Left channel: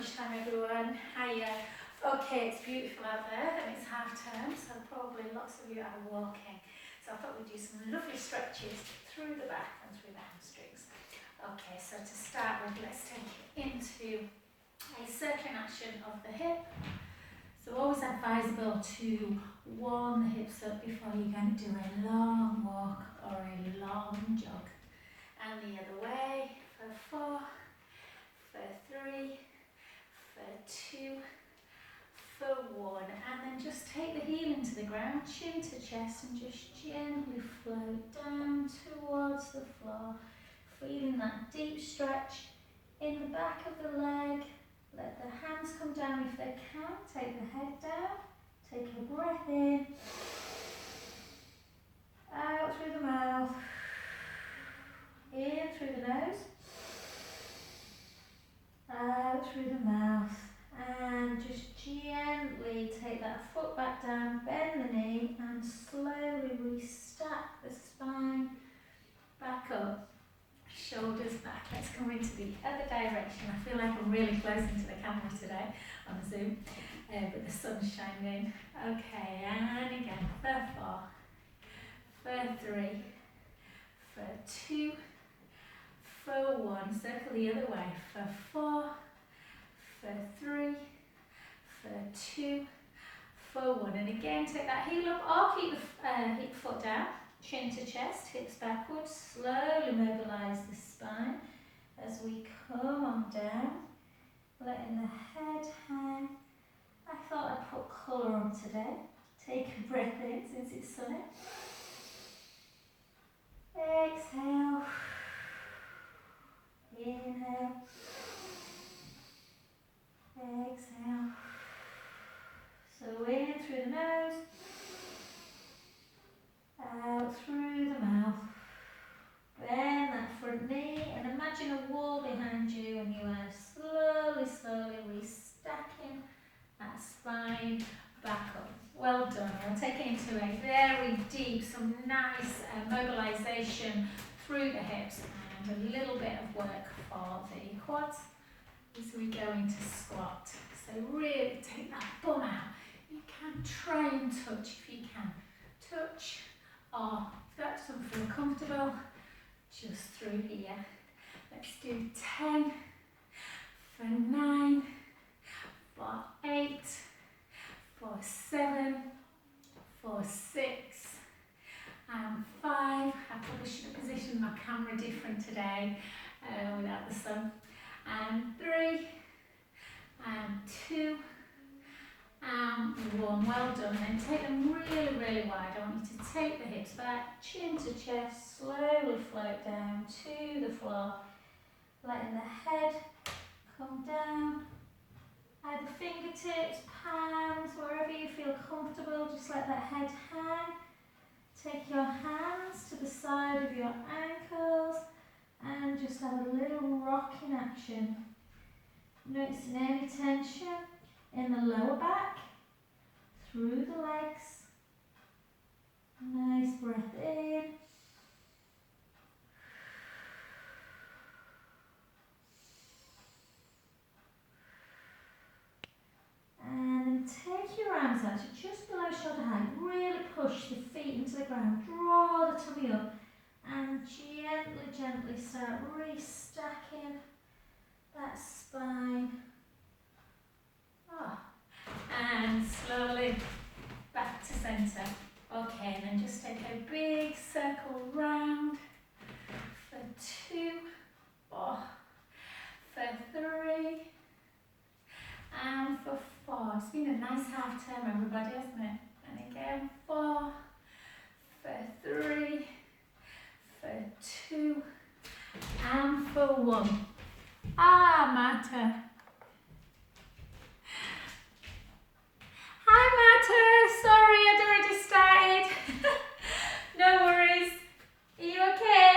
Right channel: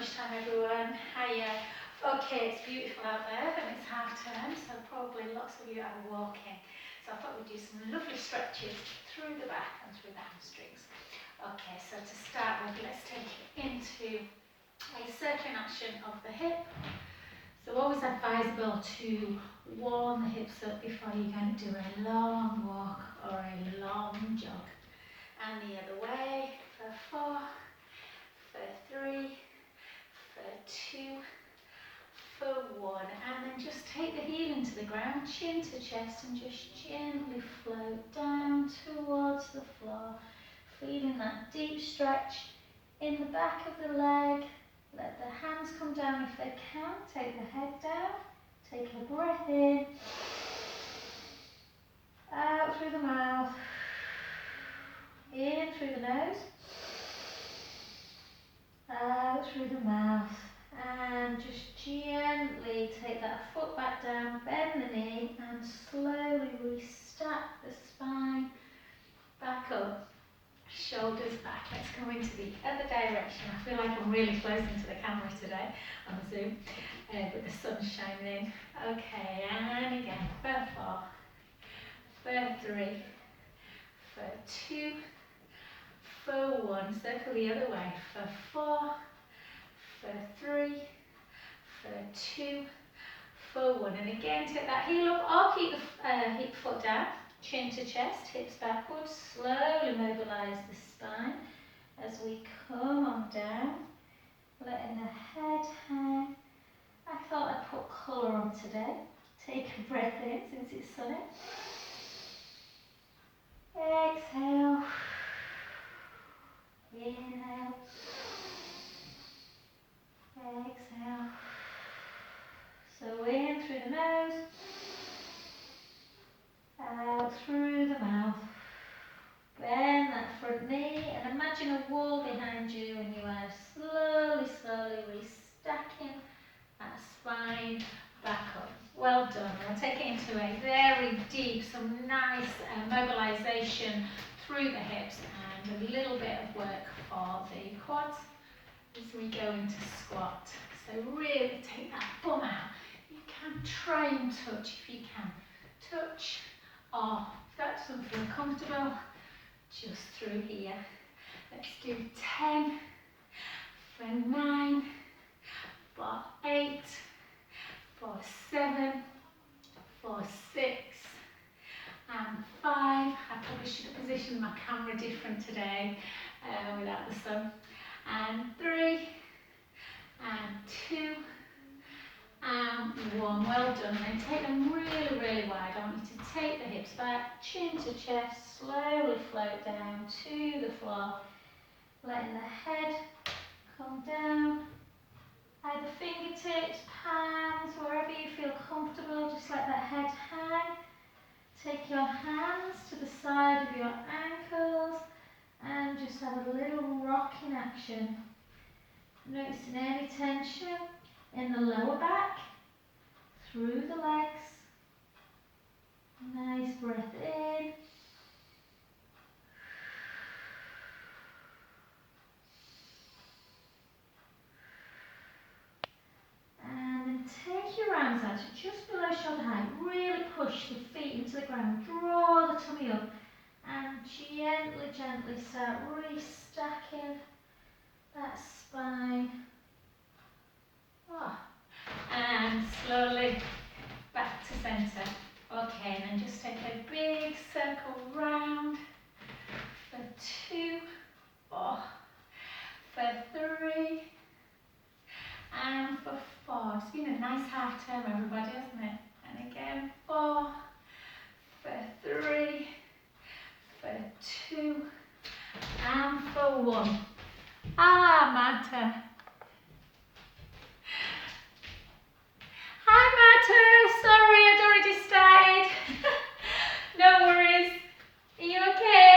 lunchtime, everyone. Hiya. Okay, it's beautiful out there and it's half term, so probably lots of you are walking. So I thought we'd do some lovely stretches through the back and through the hamstrings. Okay, so to start with, let's take it into a circling action of the hip. So always advisable to warm the hips up before you're going to do a long walk or a long jog. And the other way for 4, for 3, for 2, for 1, and then just take the heel into the ground, chin to chest, and just gently float down towards the floor, feeling that deep stretch in the back of the leg. Let the hands come down if they can, take the head down, take a breath in, out through the mouth, in through the nose, out through the mouth, and just gently take that foot back down, bend the knee, and slowly restack the spine back up, shoulders back. Let's go into the other direction. I feel like I'm really close into the camera today on Zoom, but the sun's shining in. Okay, and again, for 4, for 3, for 2, for 1, circle the other way, for 4, for 3, for 2, for 1, and again take that heel up or keep the hip foot down, chin to chest, hips backwards, slowly mobilise the spine as we come on down, letting the head hang. I thought I'd put colour on today. Take a breath in since it's sunny. Exhale. Inhale, exhale, so in through the nose, out through the mouth, bend that front knee and imagine a wall behind you, and you are slowly restacking that spine back up. Well done. We'll take it into a very deep, some nice mobilisation through the hips and a little bit of work for the quads as we go into squat. So really take that bum out. You can try and touch if you can. Touch, or if that doesn't feel comfortable, just through here. Let's do 10, for 9, for 8, for 7, for 6, and 5. I probably should have positioned my camera different today without the sun. And 3, and 2, and 1. Well done. Then take them really wide. I want you to take the hips back, chin to chest, slowly float down to the floor, letting the head come down. Either fingertips, palms, wherever you feel comfortable, just let that head hang. Take your hands to the side of your ankles and just have a little rocking action. Noticing any tension in the lower back, through the legs. Nice breath in. And then take your arms out to just below shoulder height. Really push the feet into the ground. Draw the tummy up and gently start restacking that spine. And slowly back to centre. Okay, and then just take a big circle round for 2, for 3, and for 4. It's been a nice half term, everybody, hasn't it? And again, 4, for 3, for 2, and for 1. Matter. Hi, Matter. Sorry, I'd already started. No worries. Are you okay?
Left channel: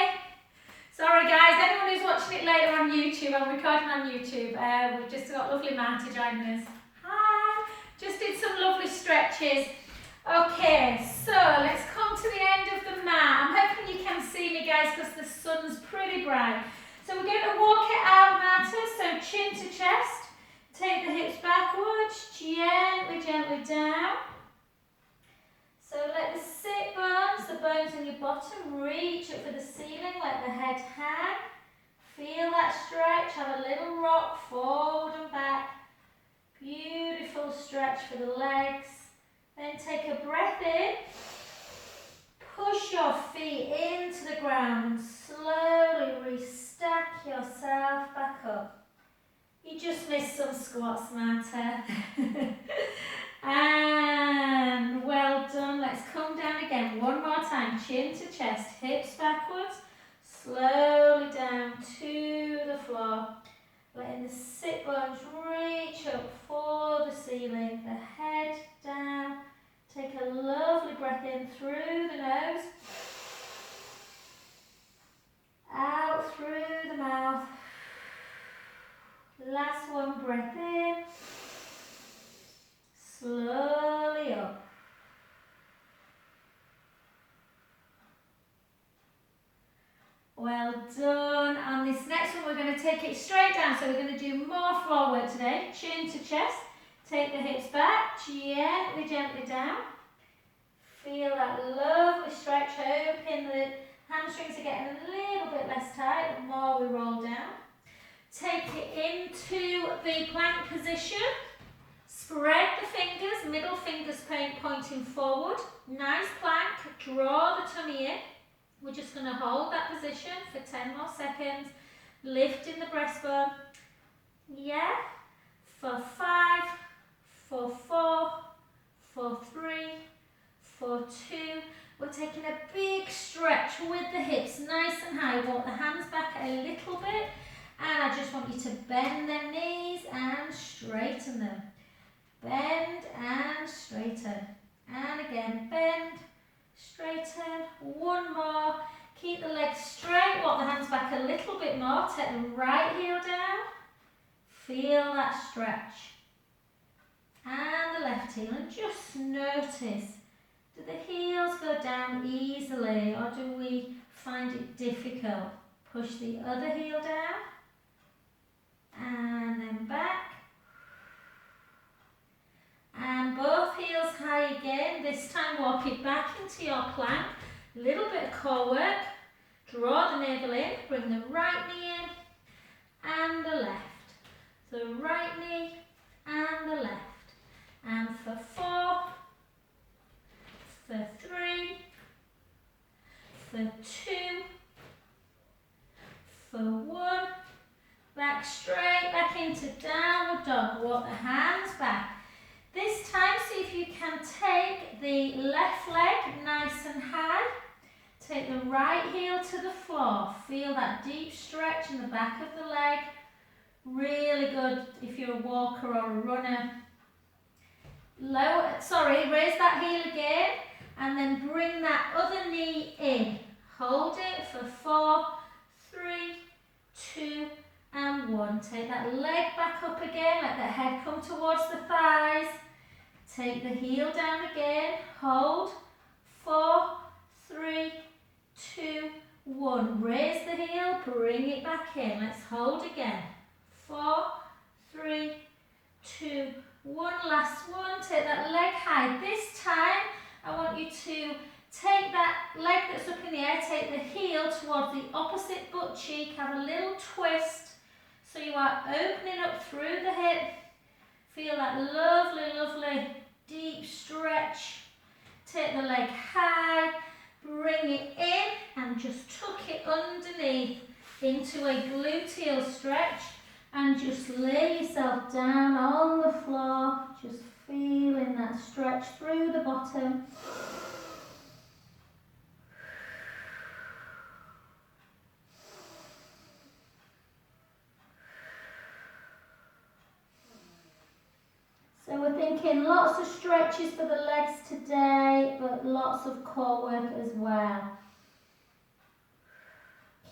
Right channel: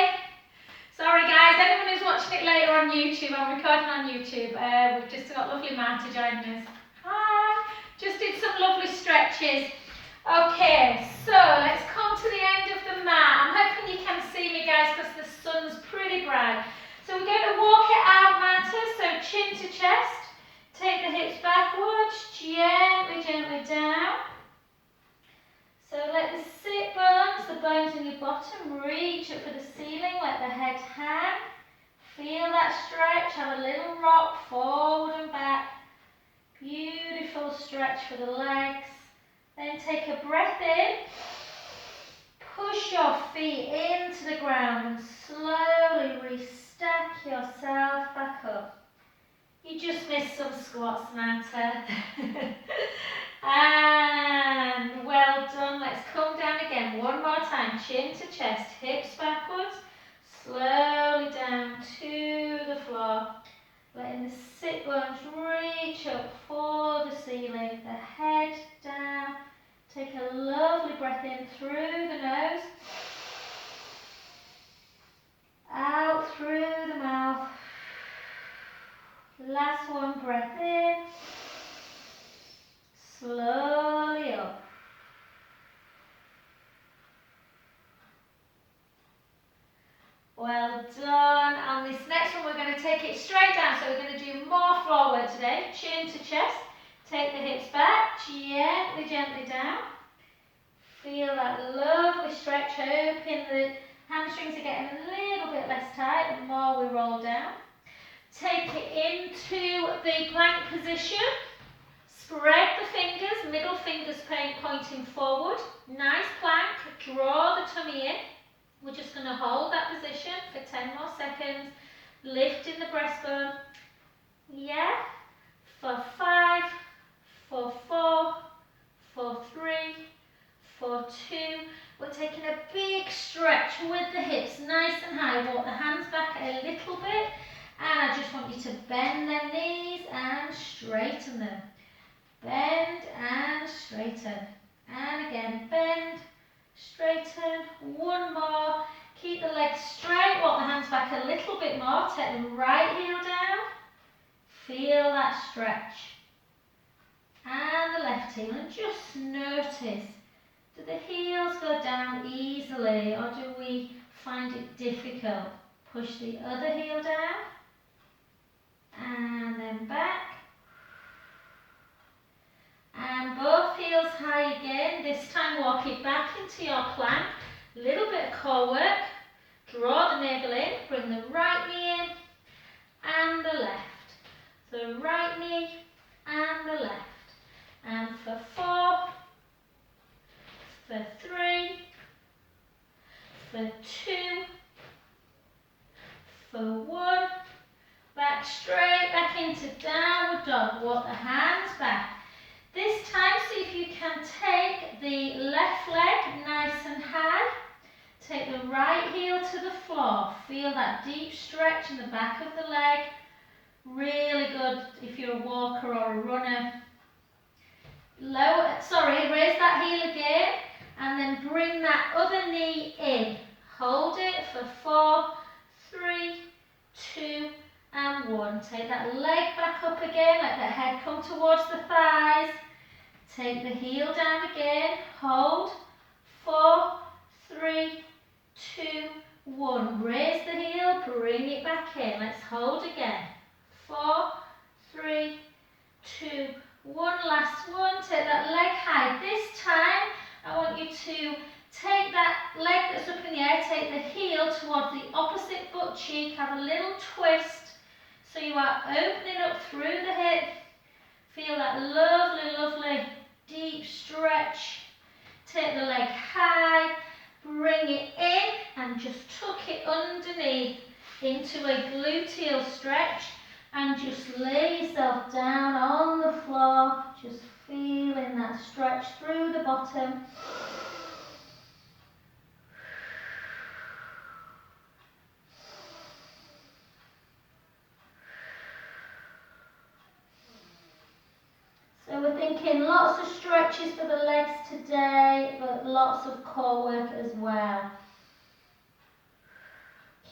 Sorry, guys. Anyone who's watching it later on YouTube, I'm recording on YouTube. We've just got lovely Marta joining us. Hi. Just did some lovely stretches. Okay, so let's come to the end of the mat. I'm hoping you can see me, guys, because the sun's pretty bright. So we're going to walk it out, Marta. So chin to chest. bottom, reach up for the ceiling, let the head hang. Feel that stretch, have a little rock forward and back. Beautiful stretch for the legs. Then take a breath in. Push your feet into the ground. Slowly restack yourself back up. You just missed some squats, Marta. And well done. Let's come down again. One more time. Chin to chest, hips backwards. Slowly down to the floor. Letting the sit bones reach up for the ceiling. The head down. Take a lovely breath in through the nose. Out through the mouth. Last one, breath in. Slowly up. Well done. On this next one, we're going to take it straight down. So we're going to do more floor work today. Chin to chest. Take the hips back. Gently, gently down. Feel that lovely stretch. Hoping the hamstrings are getting a little bit less tight the more we roll down. Take it into the plank position. Spread the fingers, middle fingers pointing forward. Nice plank. Draw the tummy in. We're just going to hold that position for 10 more seconds. Lifting the breastbone. Yeah. For 5, for 4, for 3, for 2. We're taking a big stretch with the hips nice and high. Walk the hands back a little bit. And I just want you to bend them knees and straighten them. Bend and straighten. And again, bend, straighten. One more. Keep the legs straight. Walk the hands back a little bit more. Take the right heel down. Feel that stretch. And the left heel. And just notice, do the heels go down easily or do we find it difficult? Push the other heel down. And then back. And both heels high again. This time walk it back into your plank. Little bit of core work. Draw the navel in. Bring the right knee in. And the left. The right knee and the left. And for 4. For 3. For 2. For 1. Back straight back into downward dog. Walk the hands back. This time, see if you can take the left leg nice and high. Take the right heel to the floor. Feel that deep stretch in the back of the leg. Really good if you're a walker or a runner. Raise that heel again. And then bring that other knee in. Hold it for 4, 3, 2, and 1. Take that leg back up again, let the head come towards the thighs. Take the heel down again, hold, 4, 3, 2, 1. Raise the heel, bring it back in. Let's hold again. 4, 3, 2, 1. Last one. Take that leg high. This time, I want you to take that leg that's up in the air, take the heel towards the opposite butt cheek, have a little twist. So you are opening up through the hip. Feel that lovely, lovely deep stretch. Take the leg high, bring it in and just tuck it underneath into a gluteal stretch and just lay yourself down on the floor, just feeling that stretch through the bottom. So we're thinking lots of stretches for the legs today, but lots of core work as well.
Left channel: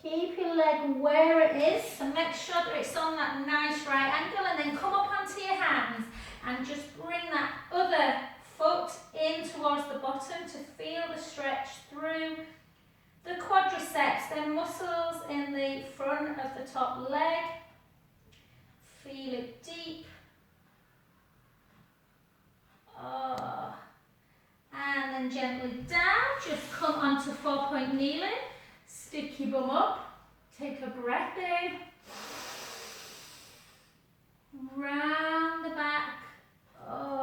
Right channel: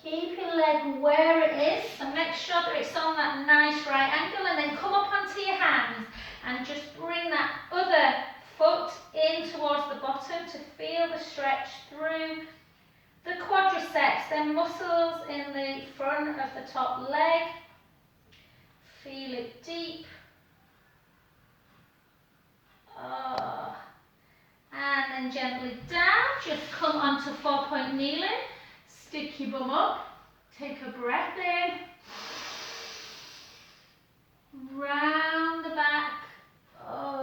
Keep your leg where it is, so make sure that it's on that nice right angle, and then come up onto your hands and just bring that other foot in towards the bottom to feel the stretch through the quadriceps, then muscles in the front of the top leg. Feel it deep. And then gently down, just come onto 4-point kneeling. Stick your bum up, take a breath in. Round the back,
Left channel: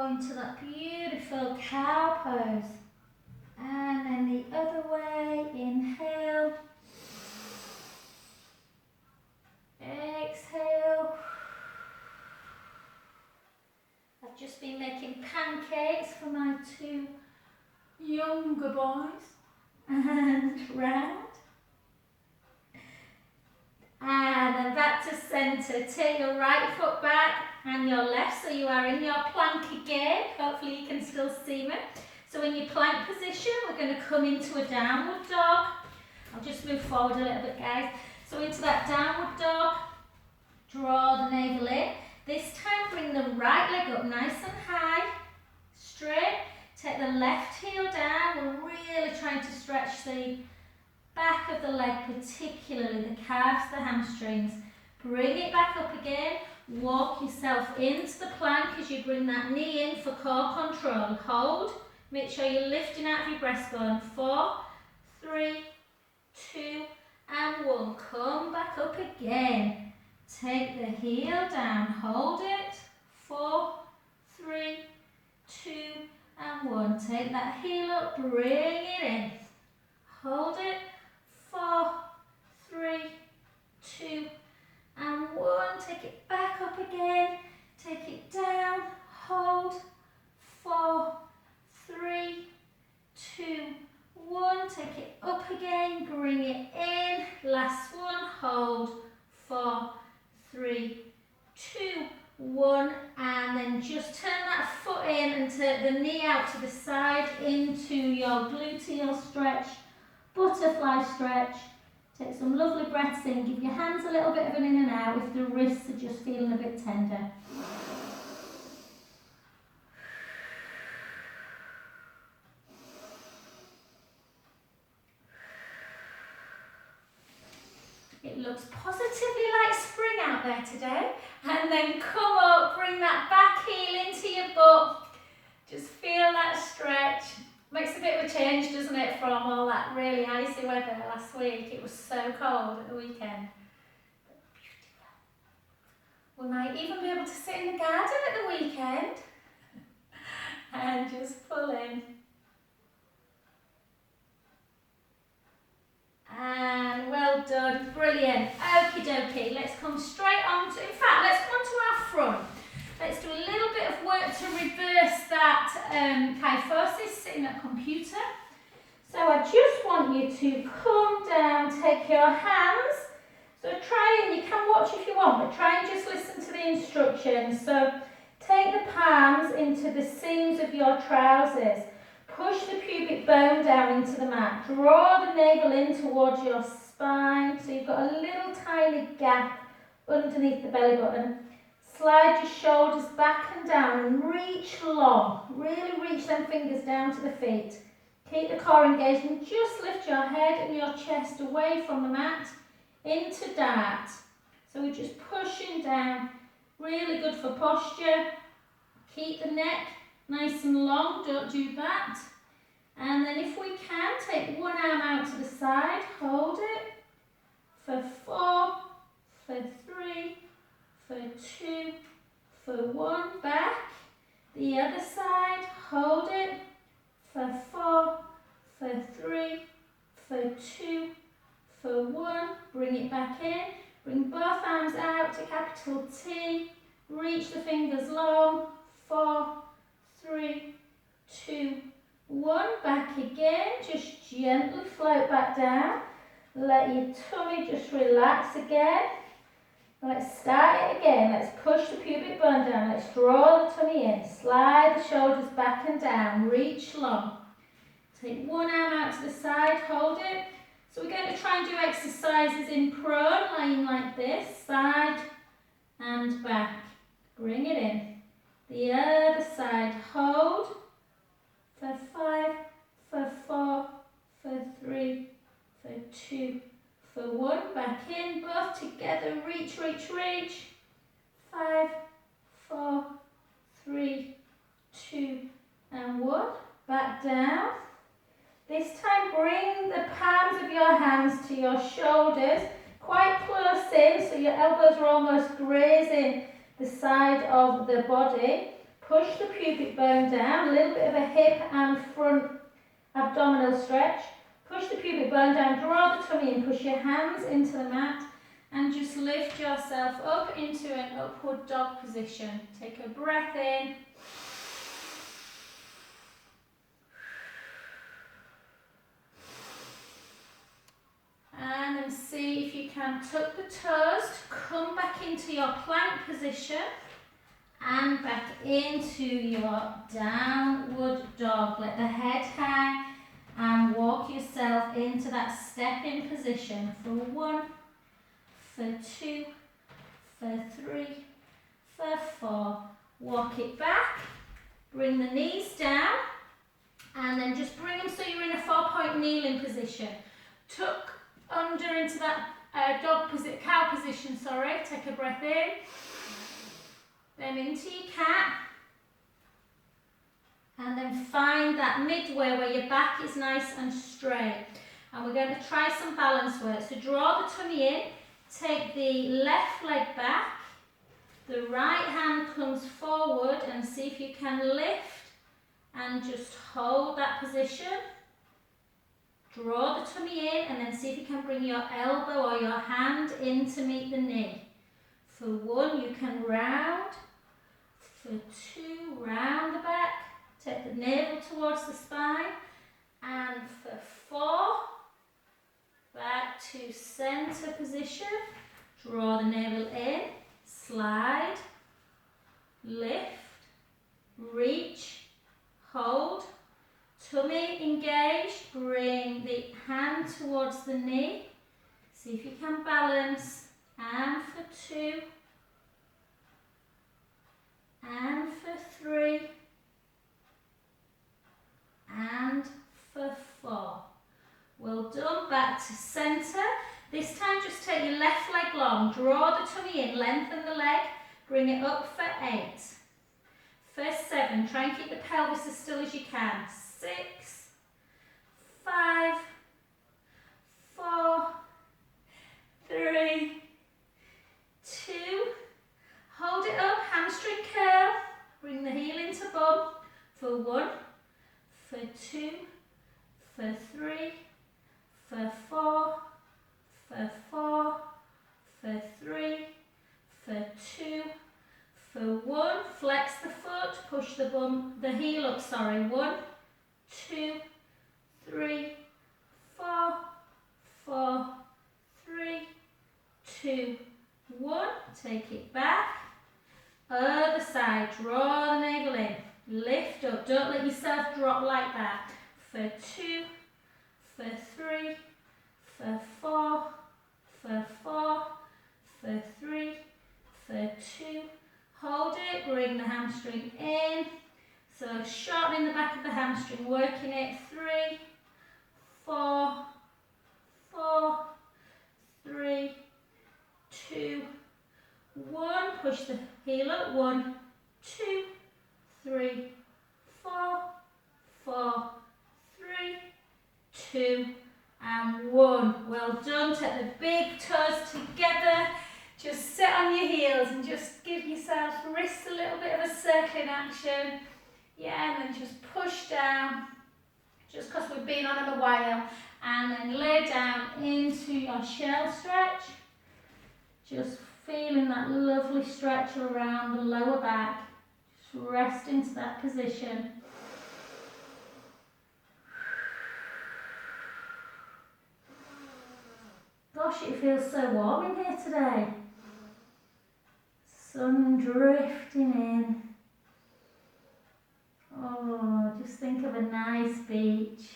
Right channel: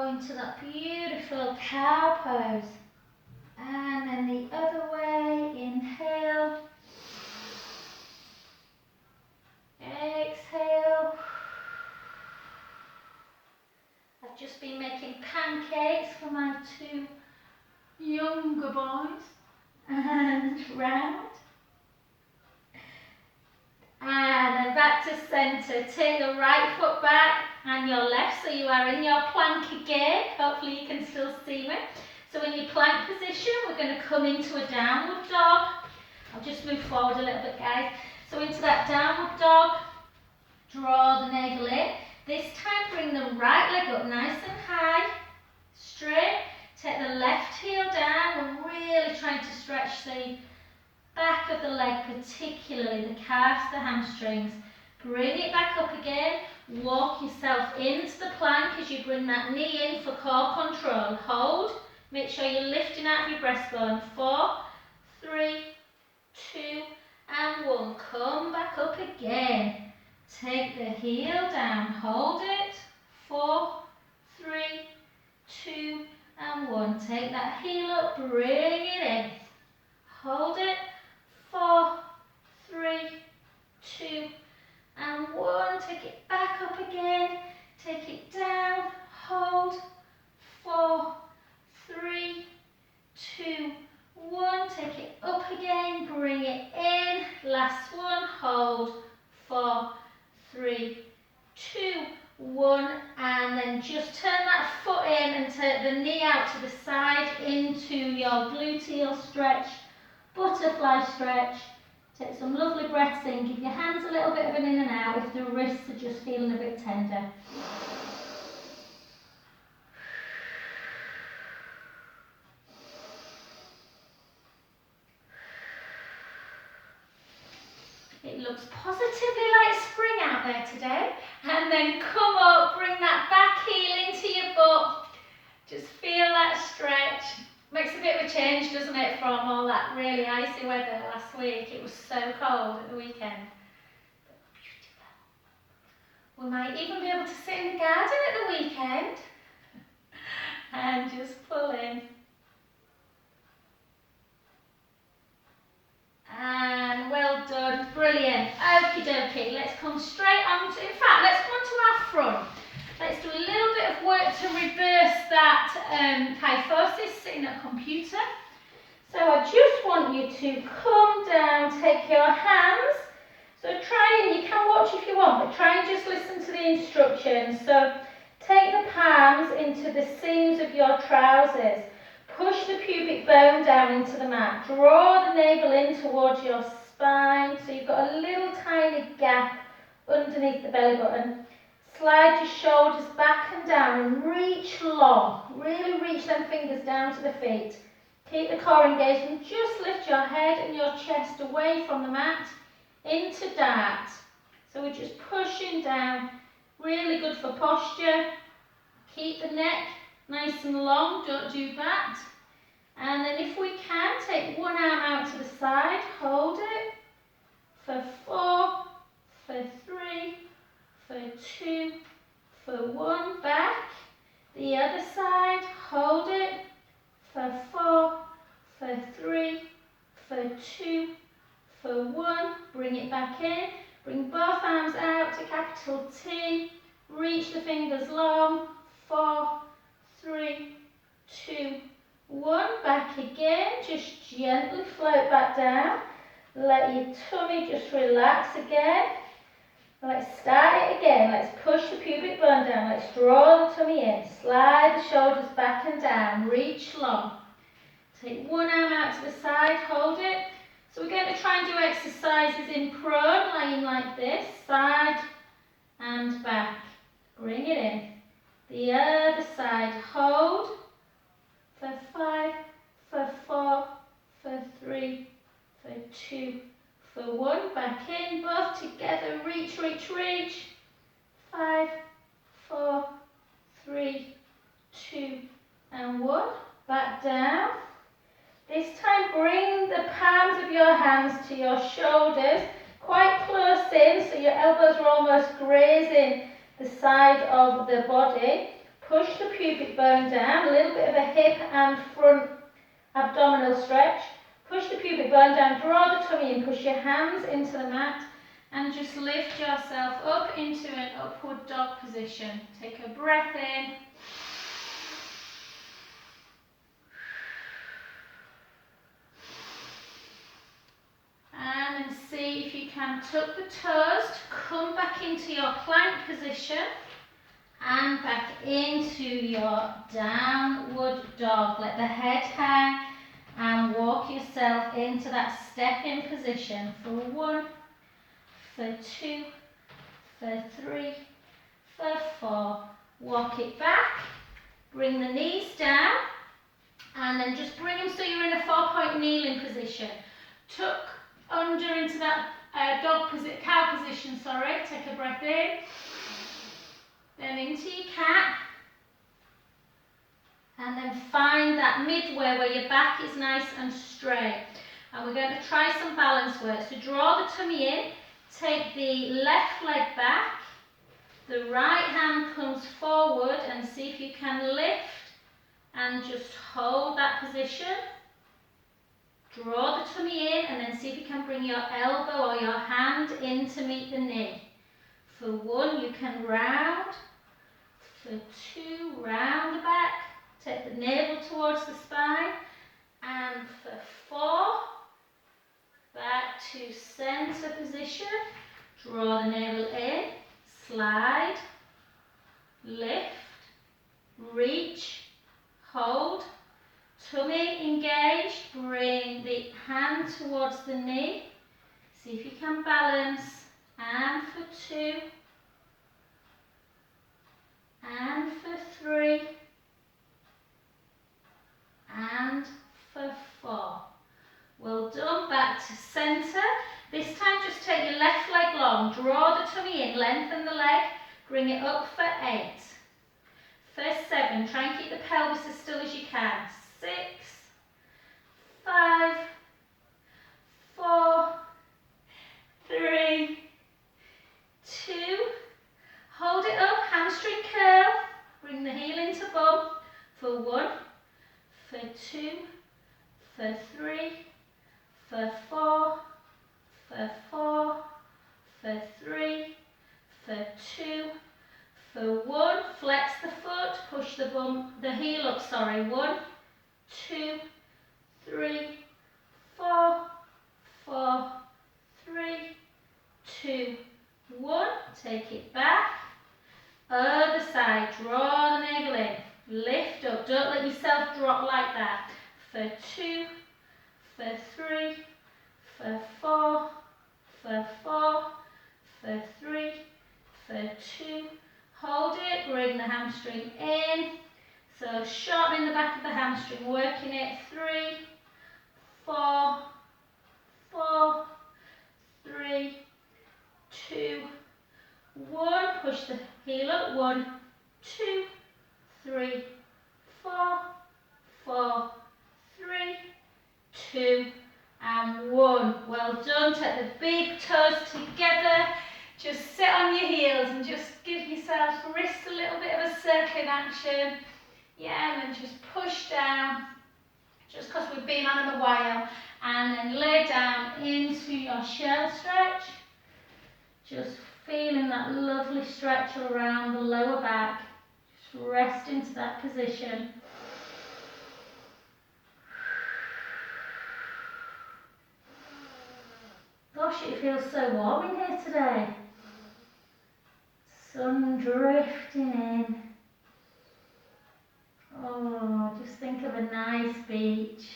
into that beautiful cow pose. And then the other way, inhale. Exhale. I've just been making pancakes for my 2 younger boys. And round. And then back to centre. Take the right foot back and your left, so you are in your plank again. Hopefully you can still see me. So in your plank position, we're going to come into a downward dog. I'll just move forward a little bit, guys. So into that downward dog, draw the navel in. This time bring the right leg up nice and high, straight. Take the left heel down. We're really trying to stretch the back of the leg, particularly the calves, the hamstrings. Bring it back up again. Walk yourself into the plank as you bring that knee in for core control. Hold. Make sure you're lifting out of your breastbone. 4, 3, 2, and 1. Come back up again. Take the heel down. Hold it. 4, 3, 2, and 1. Take that heel up. Bring it in. Hold it. 4, 3, 2, and 1. Take it back up again. Take it down. Hold. 4, 3, 2, 1. Take it up again. Bring it in. Last one. Hold. 4, 3, 2, 1. And then just turn that foot in and take the knee out to the side into your gluteal stretch. Butterfly stretch. Take some lovely breaths in. Give your hands a little bit of an in and out if the wrists are just feeling a bit tender. It looks positively like spring out there today. And then come up, bring that back heel into your butt. Just feel that stretch. Makes a bit of a change, doesn't it, from all that really icy weather last week. It was so cold at the weekend. We might even be able to sit in the garden at the weekend and just pull in. And well done, brilliant. Okie dokie, let's come straight on to, in fact, let's come on to our front. Let's do a little bit of work to reverse that kyphosis, sitting at a computer. So I just want you to come down, take your hands. So try and, you can watch if you want, but try and just listen to the instructions. So take the palms into the seams of your trousers. Push the pubic bone down into the mat. Draw the navel in towards your spine. So you've got a little tiny gap underneath the belly button. Slide your shoulders back and down and reach long. Really reach them fingers down to the feet. Keep the core engaged and just lift your head and your chest away from the mat into dart. So we're just pushing down. Really good for posture. Keep the neck nice and long. Don't do that. And then if we can, take one arm out to the side. Hold it. For 4, for 3, for 2, for 1, back. The other side, hold it. For 4, for 3, for 2, for 1. Bring it back in. Bring both arms out to capital T. Reach the fingers long. 4, 3, 2, 1. Back again. Just gently float back down. Let your tummy just relax again. Let's start it again. Let's push the pubic bone down. Let's draw the tummy in. Slide the shoulders back and down. Reach long. Take one arm out to the side. Hold it. So we're going to try and do exercises in prone, lying like this. Side and back. Bring it in. The other side. Hold. For 5, for 4, for 3, for 2, for 1, back in, both together, reach, reach, reach. 5, 4, 3, 2, and 1. back down. This time bring the palms of your hands to your shoulders, quite close in, so your elbows are almost grazing the side of the body. Push the pubic bone down, a little bit of a hip and front abdominal stretch. Push the pubic bone down, draw the tummy in, push your hands into the mat and just lift yourself up into an upward dog position. Take a breath in. And then see if you can tuck the toes to come back into your plank position and back into your downward dog. Let the head hang and walk yourself into that stepping position for 1, for 2, for 3, for 4. Walk it back, bring the knees down and then just bring them so you're in a 4-point kneeling position. Tuck under into that cow position, take a breath in, then into your cat, and then find that midway where your back is nice and straight. And we're going to try some balance work. So draw the tummy in, take the left leg back, the right hand comes forward and see if you can lift and just hold that position. Draw the tummy in and then see if you can bring your elbow or your hand in to meet the knee. For 1, you can round. For 2, round the back. Take the navel towards the spine. And for 4, back to center position. Draw the navel in, slide, lift, reach, hold. Tummy engaged, bring the hand towards the knee. See if you can balance. And for 2. And for 3. And for 4. Well done, back to centre. This time just take your left leg long, draw the tummy in, lengthen the leg, bring it up for 8. For 7, try and keep the pelvis as still as you can. 6, 5, 4, 3, 2, hold it up, hamstring curl, bring the heel into bum for 1, for 2, for 3, for 4, for 4, for 3, for 2, for 1, flex the foot, push the heel up, 1, 2, 3, 4, 4, 3, 2, 1, take it back, other side, draw the navel in, lift up, don't let yourself drop like that, for 2, for 3, for 4, for 4, for 3, for 2, hold it, bring the hamstring in, so shortening the back of the hamstring, working it, 3, 4, 4, 3, 2, 1, push the heel up, 1, 2, 3, 4, 4, 3, 2, and 1. Well done, take the big toes together, just sit on your heels and just give yourself wrists a little bit of a circling action. Yeah, and then just push down, just because we've been on them a while, and then lay down into your shell stretch. Just feeling that lovely stretch around the lower back. Just rest into that position. Gosh, it feels so warm in here today. Sun drifting in. Oh, just think of a nice beach.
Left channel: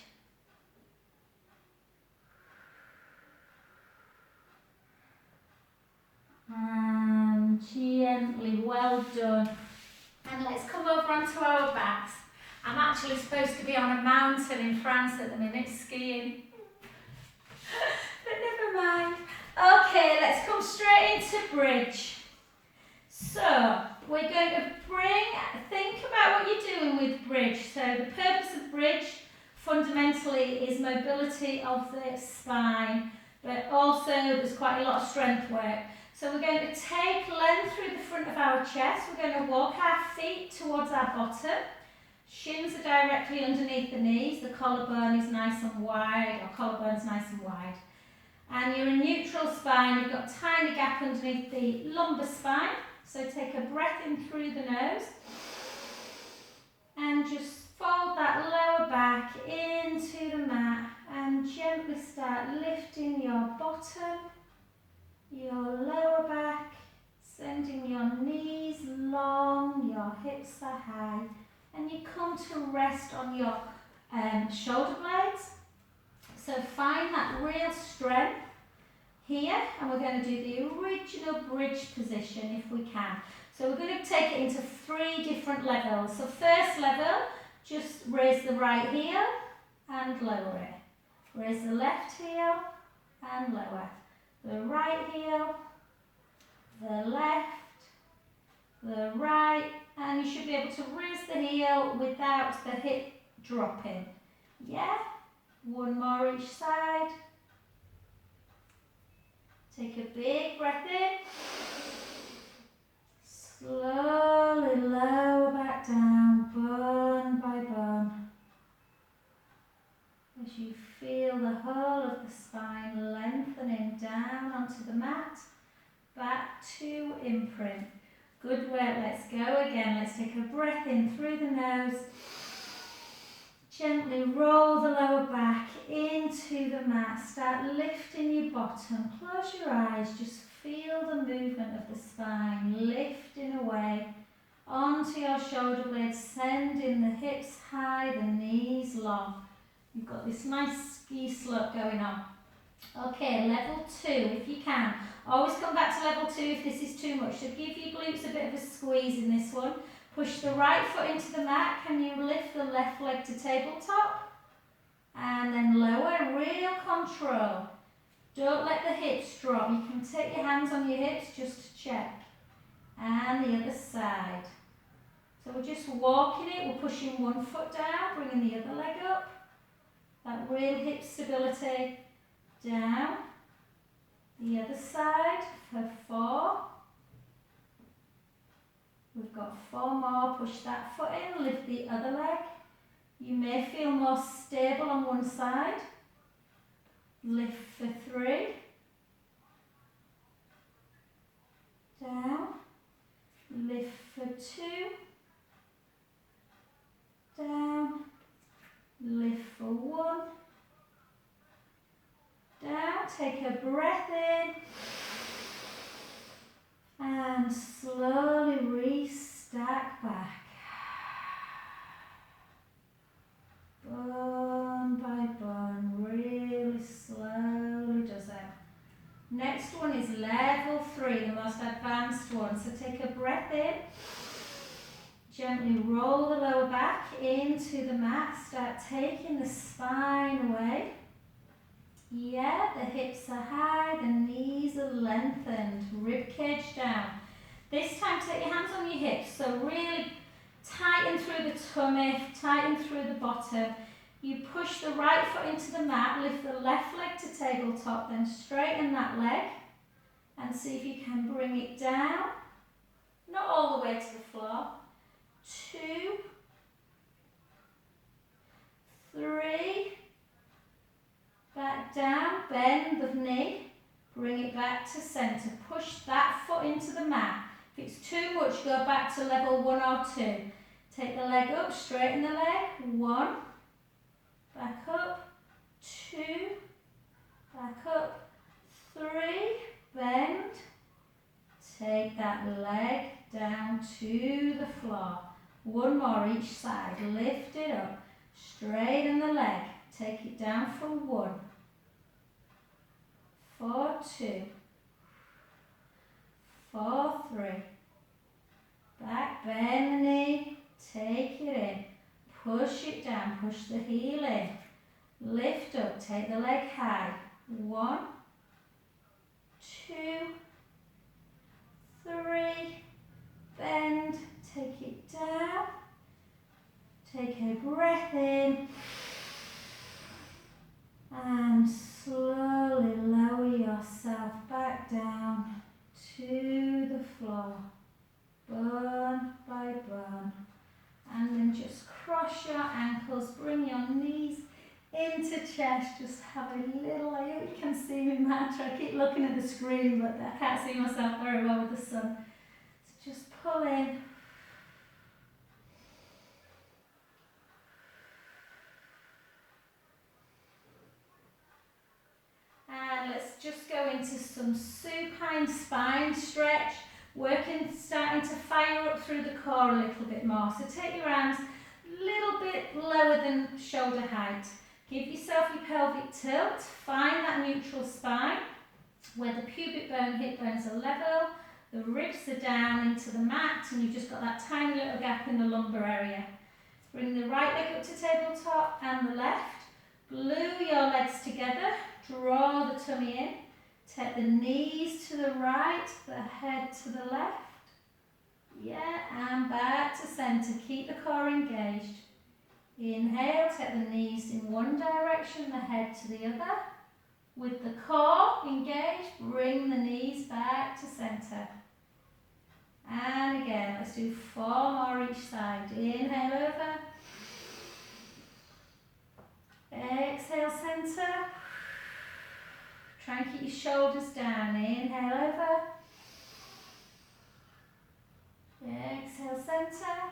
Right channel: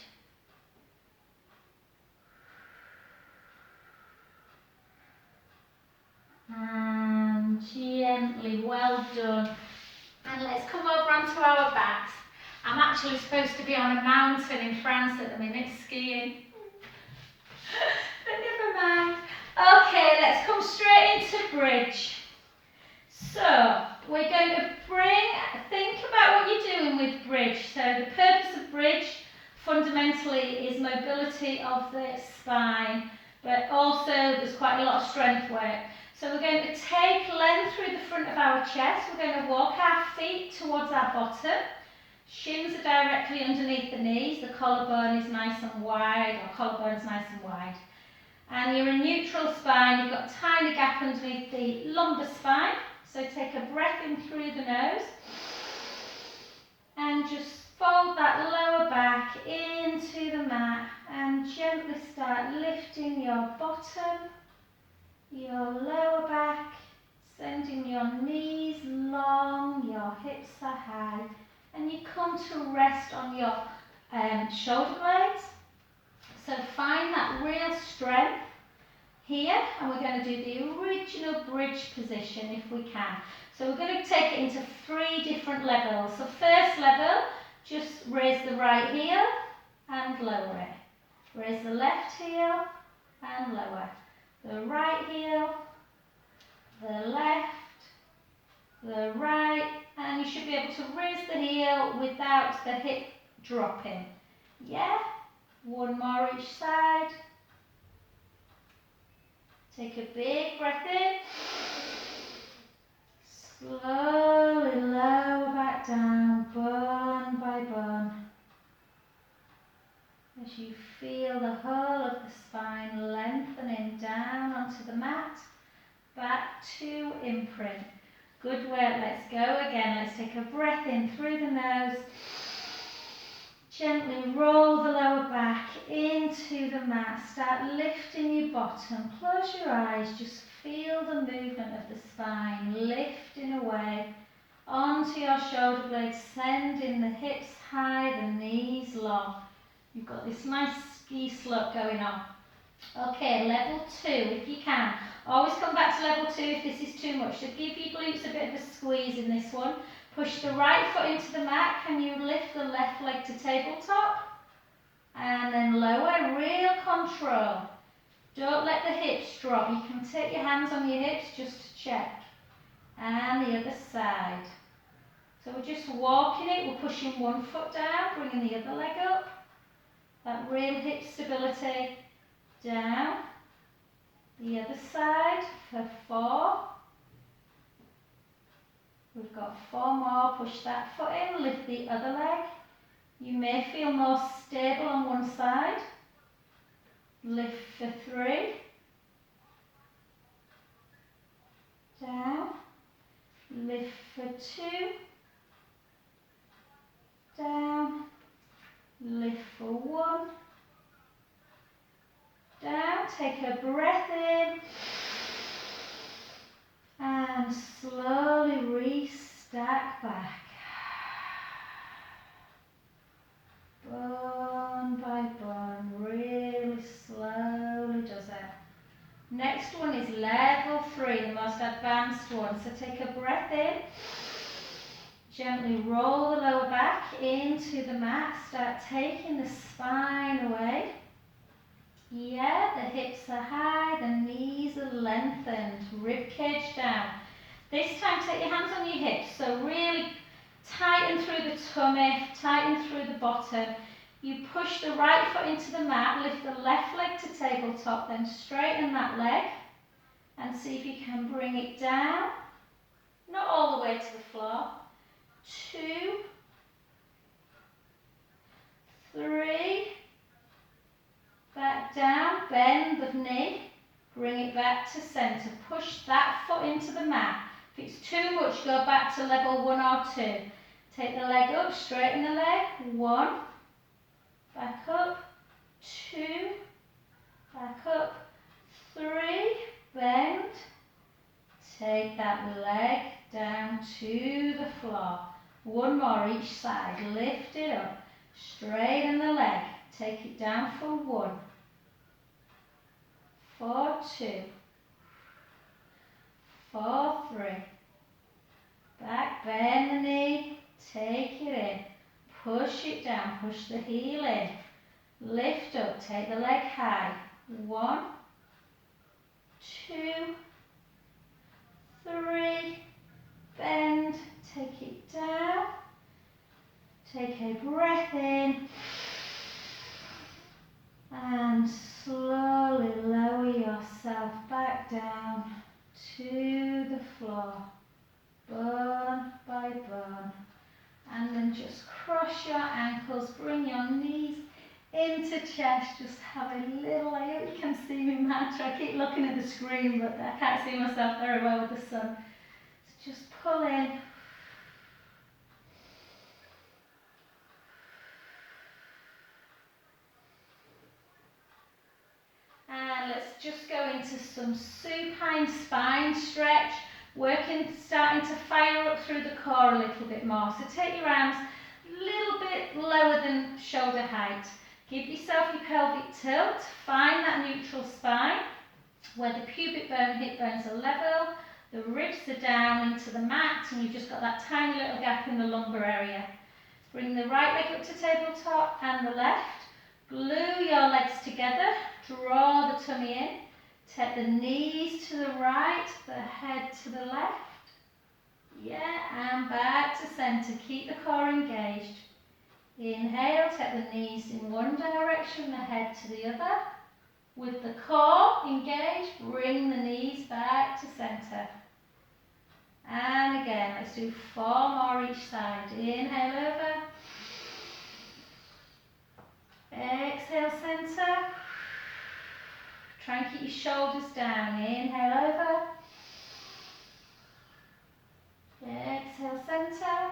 And gently, well done. And let's come over onto our backs. I'm actually supposed to be on a mountain in France at the minute, skiing. But never mind. Okay, let's come straight into bridge. So, we're going to think about what you're doing with bridge. So the purpose of bridge fundamentally is mobility of the spine, but also there's quite a lot of strength work. So we're going to take length through the front of our chest. We're going to walk our feet towards our bottom. Shins are directly underneath the knees. The collarbone is nice and wide, or collarbone's nice and wide. And you're in neutral spine. You've got a tiny gap underneath the lumbar spine. So take a breath in through the nose. And just fold that lower back into the mat and gently start lifting your bottom, your lower back, sending your knees long, your hips are high, and you come to rest on your shoulder blades. So find that real strength here, and we're going to do the original bridge position if we can. So we're going to take it into 3 different levels. So first level, just raise the right heel and lower it. Raise the left heel and lower. The right heel, the left, the right, and you should be able to raise the heel without the hip dropping. Yeah? One more each side. Take a big breath in. Slowly lower back down, bone by bone. As you feel the whole of the spine lengthening down onto the mat, back to imprint. Good work, let's go again. Let's take a breath in through the nose. Gently roll the lower back into the mat. Start lifting your bottom. Close your eyes. Just feel the movement of the spine lifting away onto your shoulder blades, sending the hips high, the knees long. You've got this nice ski slope going on. Okay, level 2 if you can. Always come back to level 2 if this is too much. So give your glutes a bit of a squeeze in this one. Push the right foot into the mat. Can you lift the left leg to tabletop? And then lower, real control. Don't let the hips drop. You can take your hands on your hips just to check. And the other side. So we're just walking it. We're pushing one foot down, bringing the other leg up. That real hip stability. Down. The other side for 4. We've got 4 more. Push that foot in, lift the other leg. You may feel more stable on one side. Lift for 3. Down. Lift for 2. Down. Lift for 1. Down. Take a breath in. And slowly restack back. Bone by bone, really slowly does it. Next one is level 3, the most advanced one. So take a breath in. Gently roll the lower back into the mat. Start taking the spine away. Yeah, the hips are high, the knees are lengthened, rib cage down. This time take your hands on your hips, so really tighten through the tummy, tighten through the bottom. You push the right foot into the mat, lift the left leg to tabletop, then straighten that leg and see if you can bring it down. Not all the way to the floor. 2, 3, back down, bend the knee, bring it back to centre. Push that foot into the mat. If it's too much, go back to level 1 or 2. Take the leg up, straighten the leg. 1, back up, 2, back up, 3, bend. Take that leg down to the floor. 1 more each side. Lift it up, straighten the leg. Take it down for 1, for 2, for 3. Back, bend the knee, take it in, push it down, push the heel in, lift up, take the leg high. 1, 2, 3, floor, bone by bone. And then just cross your ankles, bring your knees into chest, just have a little, I hope you can see me mantra. I keep looking at the screen but I can't see myself very well with the sun. So just pull in. And let's just go into some supine spine stretch, starting to fire up through the core a little bit more. So take your arms a little bit lower than shoulder height. Give yourself your pelvic tilt, find that neutral spine where the pubic bone, hip bones are level, the ribs are down into the mat and you've just got that tiny little gap in the lumbar area. Bring the right leg up to tabletop and the left. Glue your legs together, draw the tummy in, take the knees to the right, the head to the left. Yeah, and back to centre. Keep the core engaged. Inhale, take the knees in one direction, the head to the other. With the core engaged, bring the knees back to centre. And again, let's do 4 more each side. Inhale over. Exhale, centre. Try and keep your shoulders down. Inhale over. Exhale, centre.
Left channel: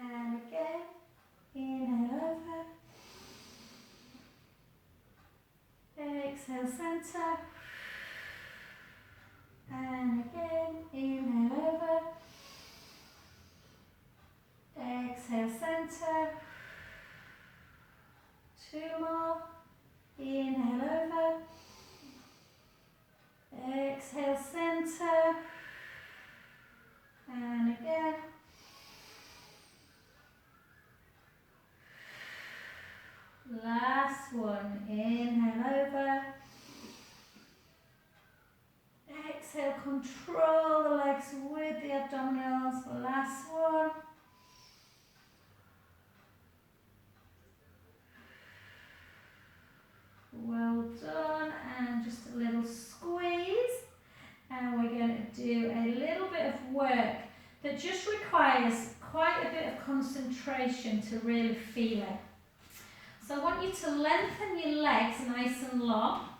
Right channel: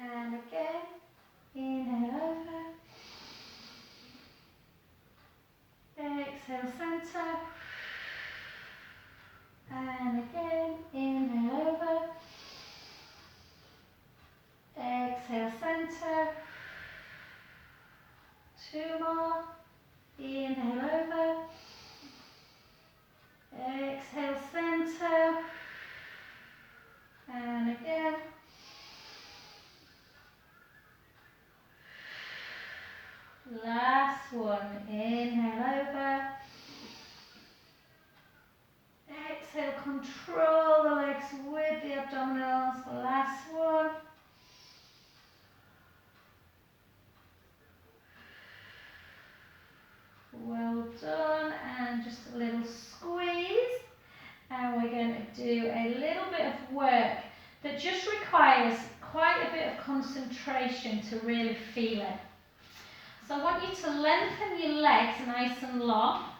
And again. Inhale over. Exhale, centre. And again. Inhale over. Exhale, centre. 2 more. Inhale over. Exhale, centre. And again. Last one. Inhale over. Exhale, control the legs with the abdominals. Last one. Well done, and just a little squeeze, and we're going to do a little bit of work that just requires quite a bit of concentration to really feel it. So I want you to lengthen your legs nice and long.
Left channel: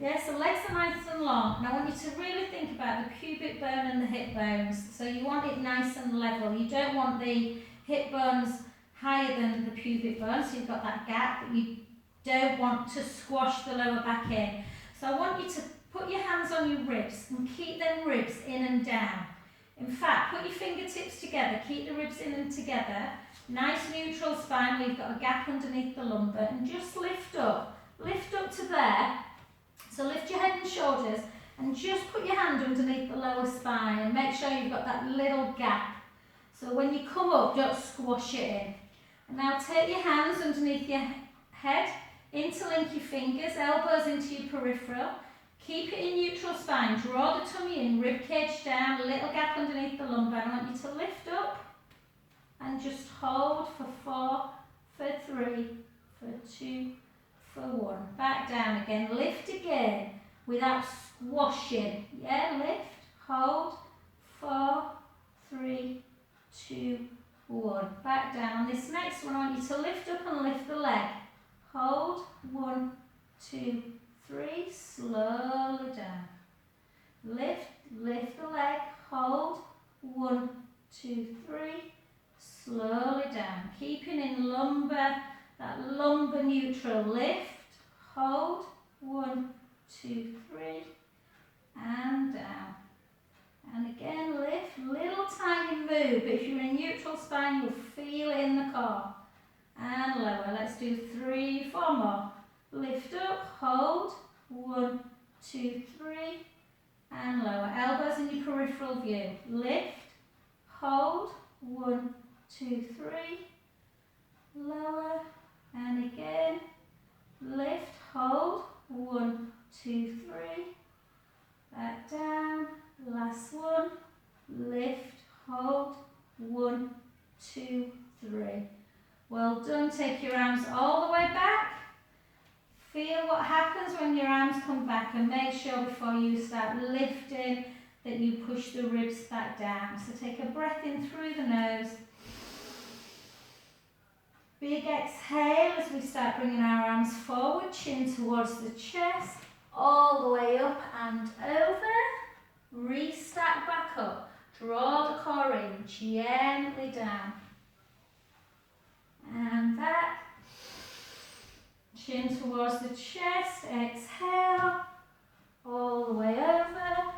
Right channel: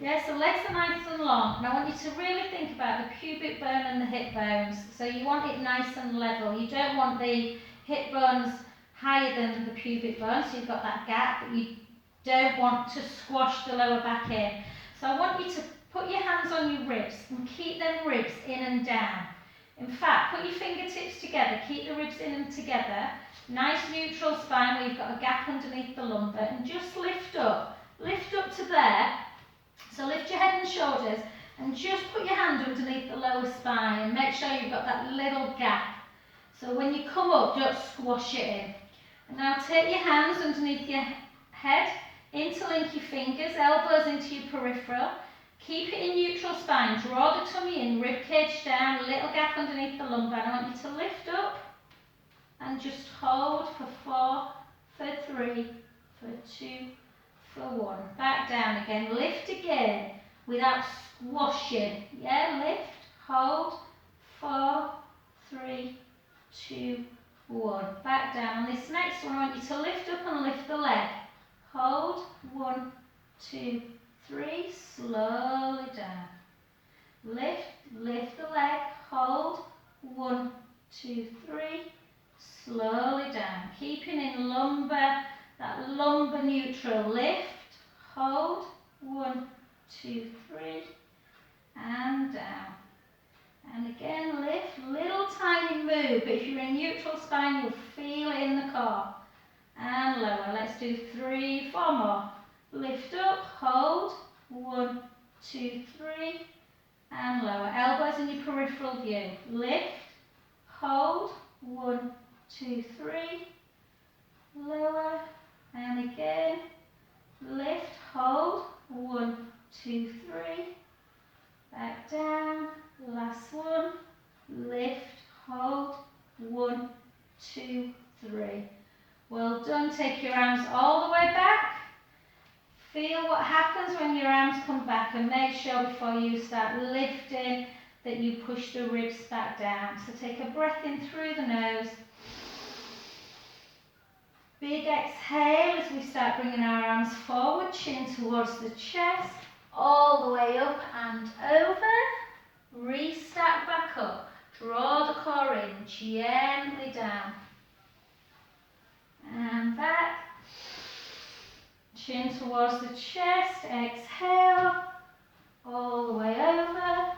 Yeah, so legs are nice and long, and I want you to really think about the pubic bone and the hip bones. So you want it nice and level. You don't want the hip bones higher than the pubic bone, so you've got that gap, but you don't want to squash the lower back in. So I want you to put your hands on your ribs and keep them ribs in and down. In fact, put your fingertips together, keep the ribs in and together. Nice neutral spine where you've got a gap underneath the lumbar, and just lift up to there. So lift your head and shoulders and just put your hand underneath the lower spine and make sure you've got that little gap. So when you come up, don't squash it in. And now take your hands underneath your head, interlink your fingers, elbows into your peripheral. Keep it in neutral spine, draw the tummy in, rib cage down, little gap underneath the lumbar. I want you to lift up and just hold for 4, for 3, for 2, for 1. Back down again, lift again without squashing. Yeah, lift, hold, 4, 3, 2, 1. Back down. On this next one, I want you to lift up and lift the leg. Hold, 1, 2, 3, slowly down. Lift the leg, hold, 1, 2, 3, slowly down. Keeping in lumbar, that lumbar neutral. Lift, hold, 1, 2, 3, and down. And again, lift, little tiny move. But if you're in neutral spine, you'll feel it in the core. And lower. Let's do 3, 4 more. Lift up, hold, 1, 2, 3, and lower. Elbows in your peripheral view. Lift, hold, 1, 2, 3, lower, and again. Lift, hold, 1, 2, 3, back down. Last one. Lift, hold, 1, 2, 3. Well done. Take your arms all the way back. Feel what happens when your arms come back, and make sure before you start lifting that you push the ribs back down. So take a breath in through the nose. Big exhale as we start bringing our arms forward, chin towards the chest, all the way up and over. Restack back up. Draw the core in, gently down. And back. Chin towards the chest, exhale. All the way over.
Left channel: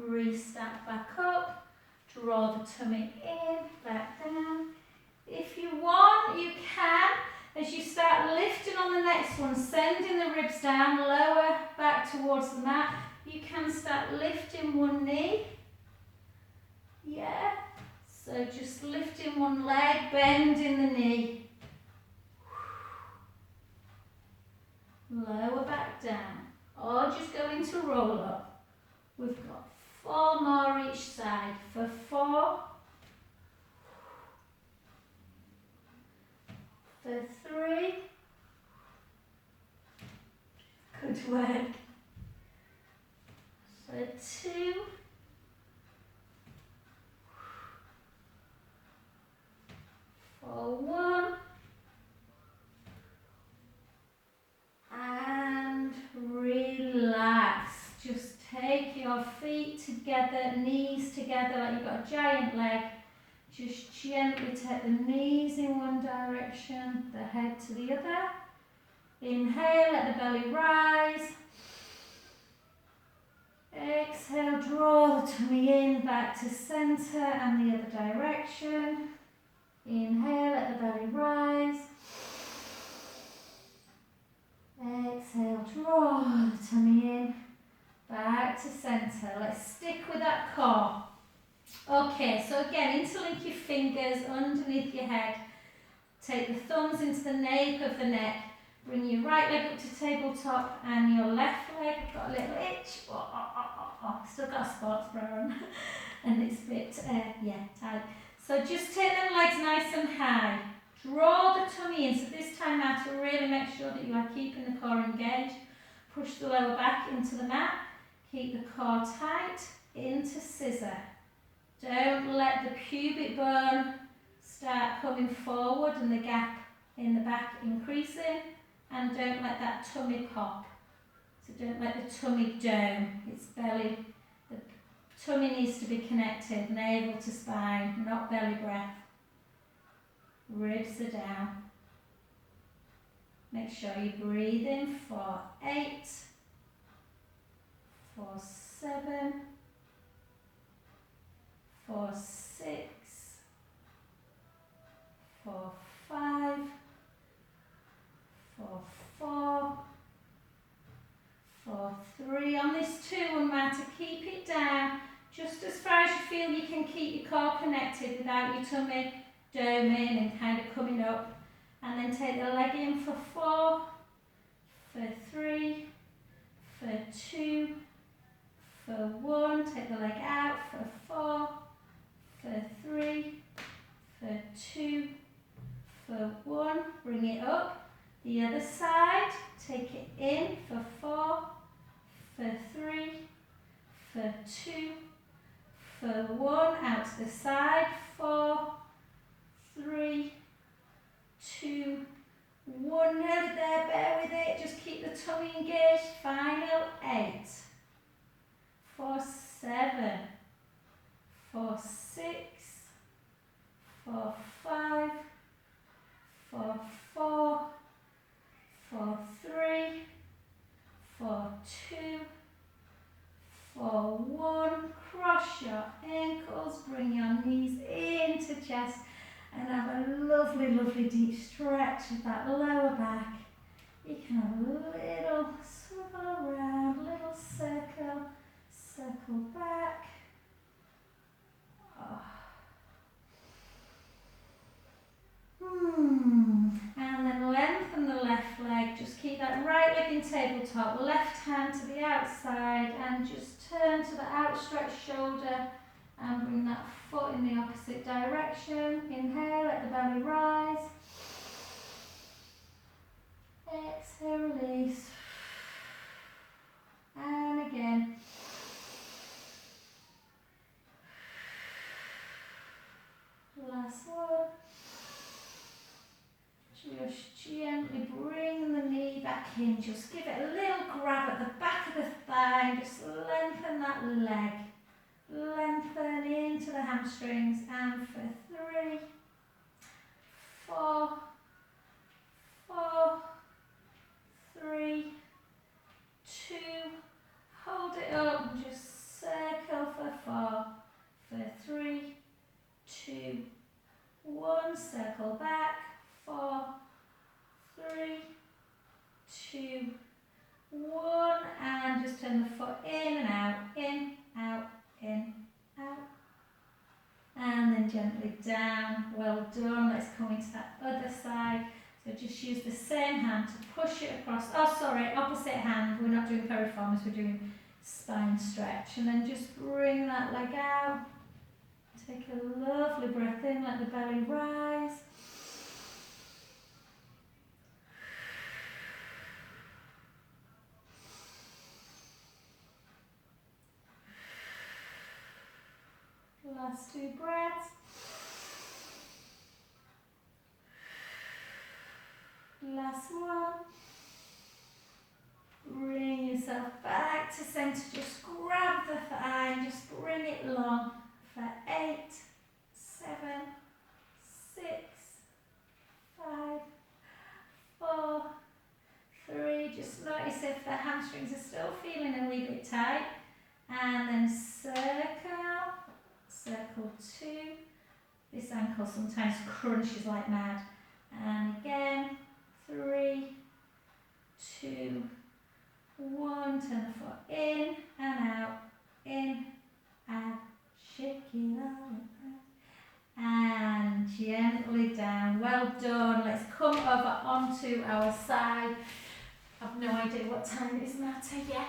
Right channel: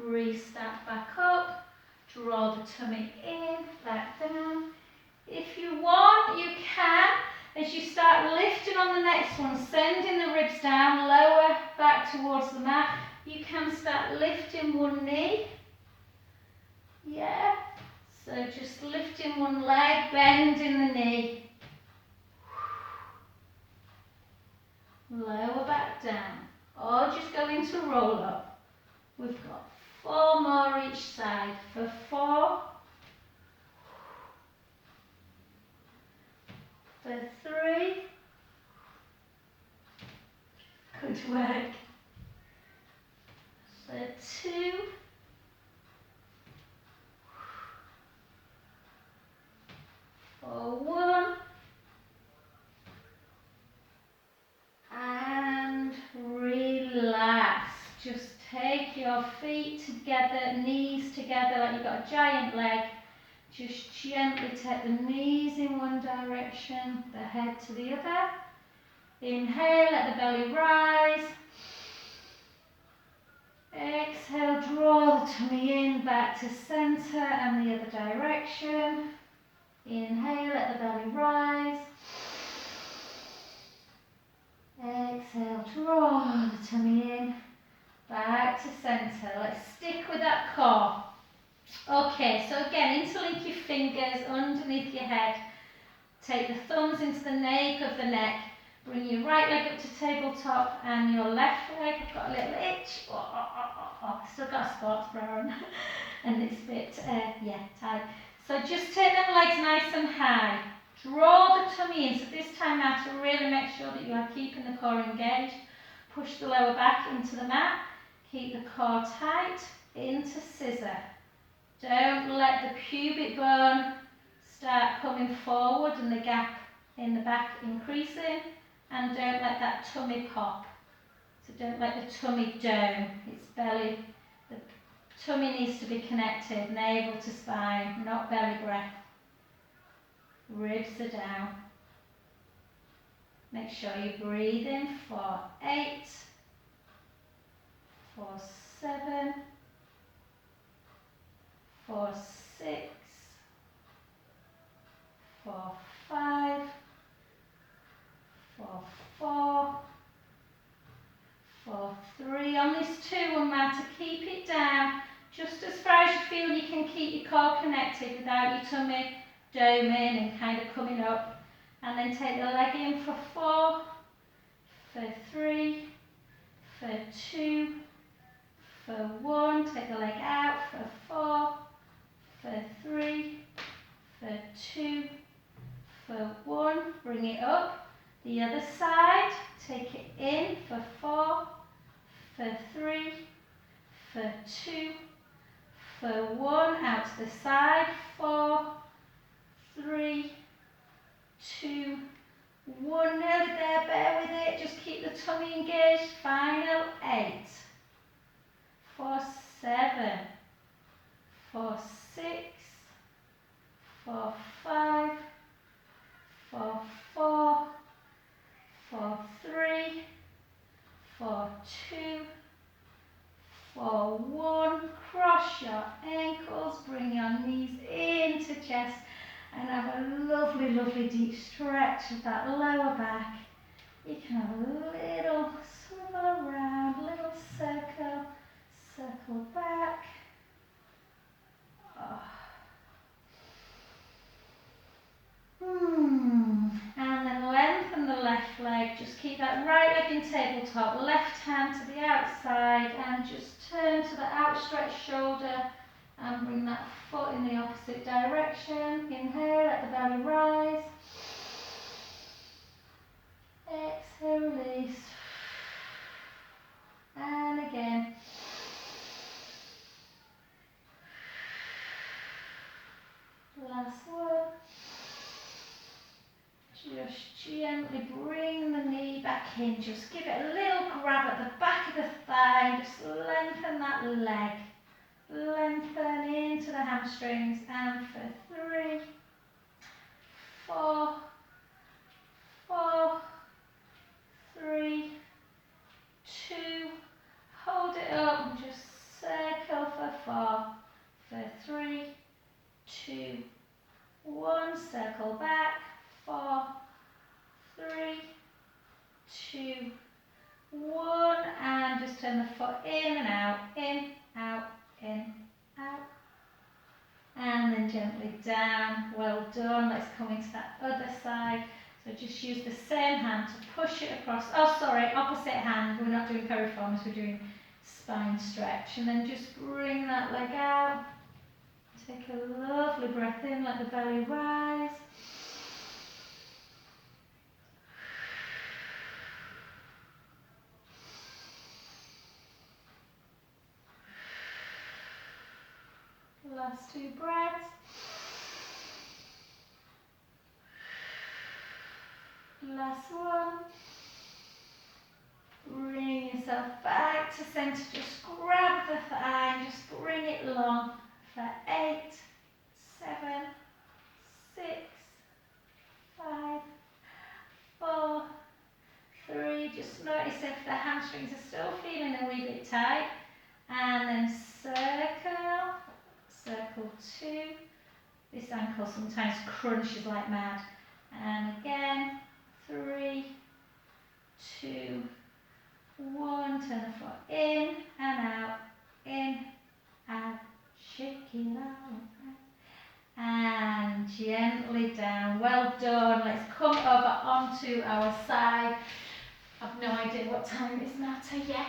Restack back up. Draw the tummy in, back down. If you want, you can, as you start lifting on the next one, sending the ribs down, lower back towards the mat. You can start lifting one knee. Yeah. So just lifting one leg, bending the knee. Lower back down. Or just go into roll up. We've got 4 more each side. For 4. For 3. Good work. For 2. For 1. And relax. Just take your feet together, knees together like you've got a giant leg. Just gently take the knees in one direction, the head to the other. Inhale, let the belly rise. Exhale, draw the tummy in, back to centre and the other direction. Inhale, let the belly rise. Exhale, draw the tummy in, back to centre. Let's stick with that core. Okay, so again, interlink your fingers underneath your head. Take the thumbs into the nape of the neck. Bring your right leg up to tabletop and your left leg. I've got a little itch. Still got a sports bra on. And it's a bit, tight. So just take them legs nice and high. Draw the tummy in. So this time now to really make sure that you are keeping the core engaged. Push the lower back into the mat. Keep the core tight. Into scissor. Don't let the pubic bone start coming forward and the gap in the back increasing. And don't let that tummy pop. So don't let the tummy dome. It's belly. The tummy needs to be connected, navel to spine, not belly breath. Ribs are down. Make sure you breathe in for 8, for 7, for 6, for 5, for 4, for 3. On this 2-1 mat, to keep it down just as far as you feel you can keep your core connected without your tummy doming and kind of coming up. And then take the leg in for 4, for 3, for 2, for 1. Take the leg out for 4, for 3, for 2, for 1. Bring it up. The other side, take it in for 4, for 3, for 2, for 1. Out to the side, 4, 3, 2, 1. Nearly there, bear with it. Just keep the tummy engaged. Final 8, for 7, for 6, for 5, for 4, for 3, for 2, for 1. Cross your ankles, bring your knees into chest and have a lovely, lovely deep stretch of that lower back. You can have a little swivel around, little circle, circle back. Oh. And then lengthen the left leg. Just keep that right leg in tabletop. Left hand to the outside and just turn to the outstretched shoulder and bring that foot in the opposite direction. Inhale, let the belly rise. Exhale, release. And again. hinge. Just give it a little grab at the back of the thigh. Just lengthen that leg. Lengthen into the hamstrings. And for 3, 4, 4, 3, 2, hold it up and just circle for 4, for 3, 2, 1, circle back, 4, 3, 2, 1, and just turn the foot in and out, in, out, in, out, and then gently down. Well done. Let's come into that other side. So just use the same hand to push it across. Oh, sorry, opposite hand. We're not doing piriformis, we're doing spine stretch. And then just bring that leg out. Take a lovely breath in, let the belly rise. Last 2 breaths. Last one. Bring yourself back to centre. Just grab the thigh and just bring it long for 8, 7, 6, 5, 4, 3. Just notice if the hamstrings are still feeling a wee bit tight. And then circle, circle 2. This ankle sometimes crunches like mad. And again, 3, 2, 1. Turn the foot in and out, in, out, shake it out. And gently down. Well done. Let's come over onto our side. I've no idea what time it is now, yet.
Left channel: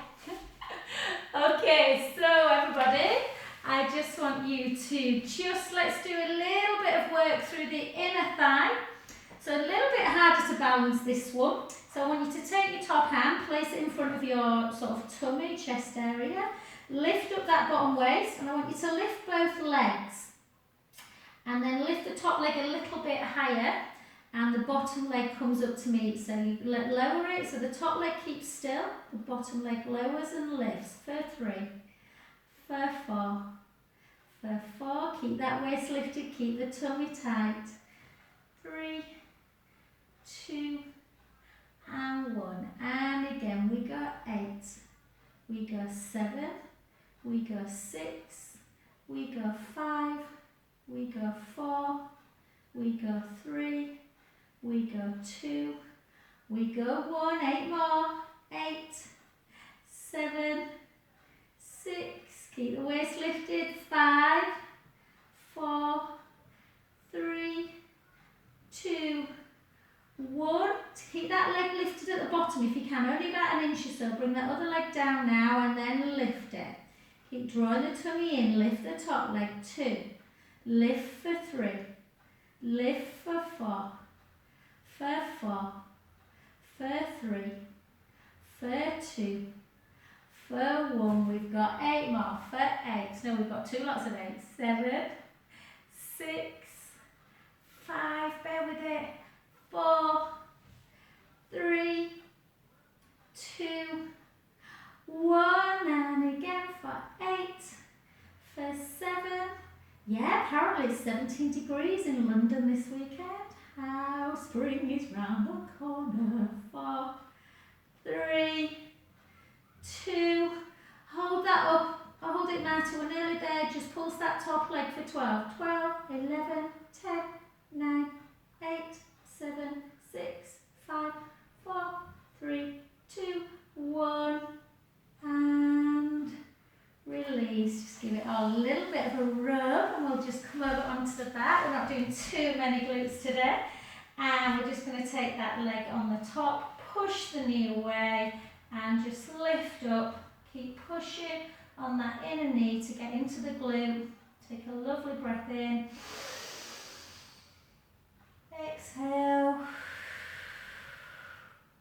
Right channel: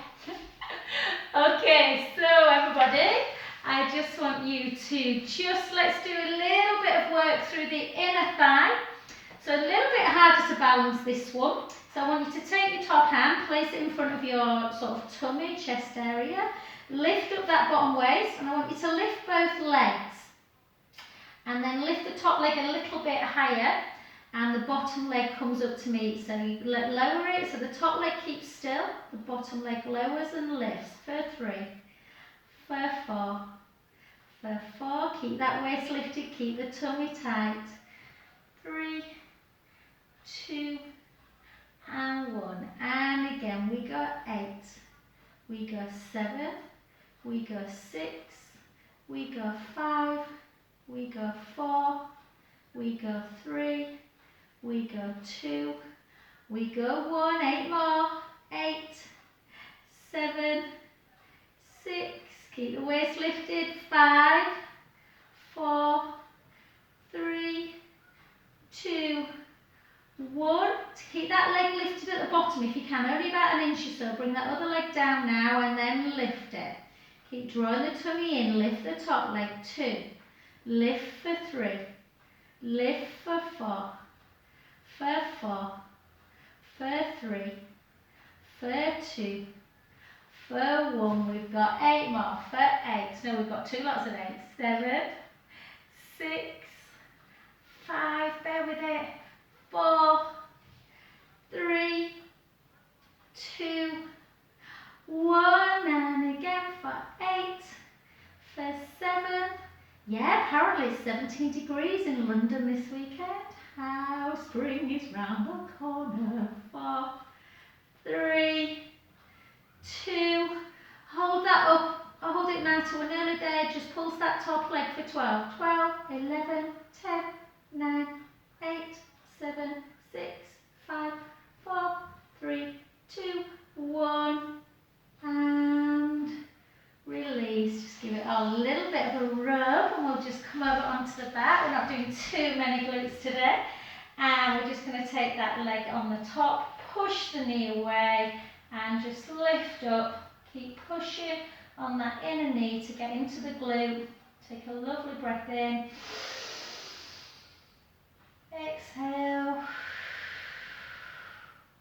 Okay, so everybody, I just want you to let's do a little bit of work through the inner thigh. So a little bit harder to balance this one. So I want you to take your top hand, place it in front of your sort of tummy, chest area. Lift up that bottom waist, and I want you to lift both legs. And then lift the top leg a little bit higher, and the bottom leg comes up to meet. So you lower it, so the top leg keeps still, the bottom leg lowers and lifts. For 3, for 4, for 4. Keep that waist lifted, keep the tummy tight. 3, 2, and 1. And again, we go 8, we go 7, we go 6, we go 5, we go 4, we go 3, we go 2, we go 1, 8 more, 8, 7, 6, keep the waist lifted, 5, 4, 3, 2, 1. Keep that leg lifted at the bottom if you can, only about an inch or so. Bring that other leg down now and then lift it. Keep drawing the tummy in, lift the top leg. 2, lift for 3, lift for 4, for 4, for 3, for 2, for 1. We've got 8 more, for 8. No, we've got 2 lots of 8. 7, 6, 5, bear with it. 4, 3, 2, 1, and again for 8, for 7. Yeah, apparently it's 17 degrees in London this weekend. How spring is round the corner. 4, 3, 2, hold that up. I'll hold it now till we're nearly there. Just pulse that top leg for 12. 12, 11, 10, 9, 8, 7, 6, 5, 4, 3, 2, 1, and release. Just give it a little bit of a rub, and we'll just come over onto the back. We're not doing too many glutes today, and we're just going to take that leg on the top, push the knee away, and just lift up. Keep pushing on that inner knee to get into the glute. Take a lovely breath in. Exhale.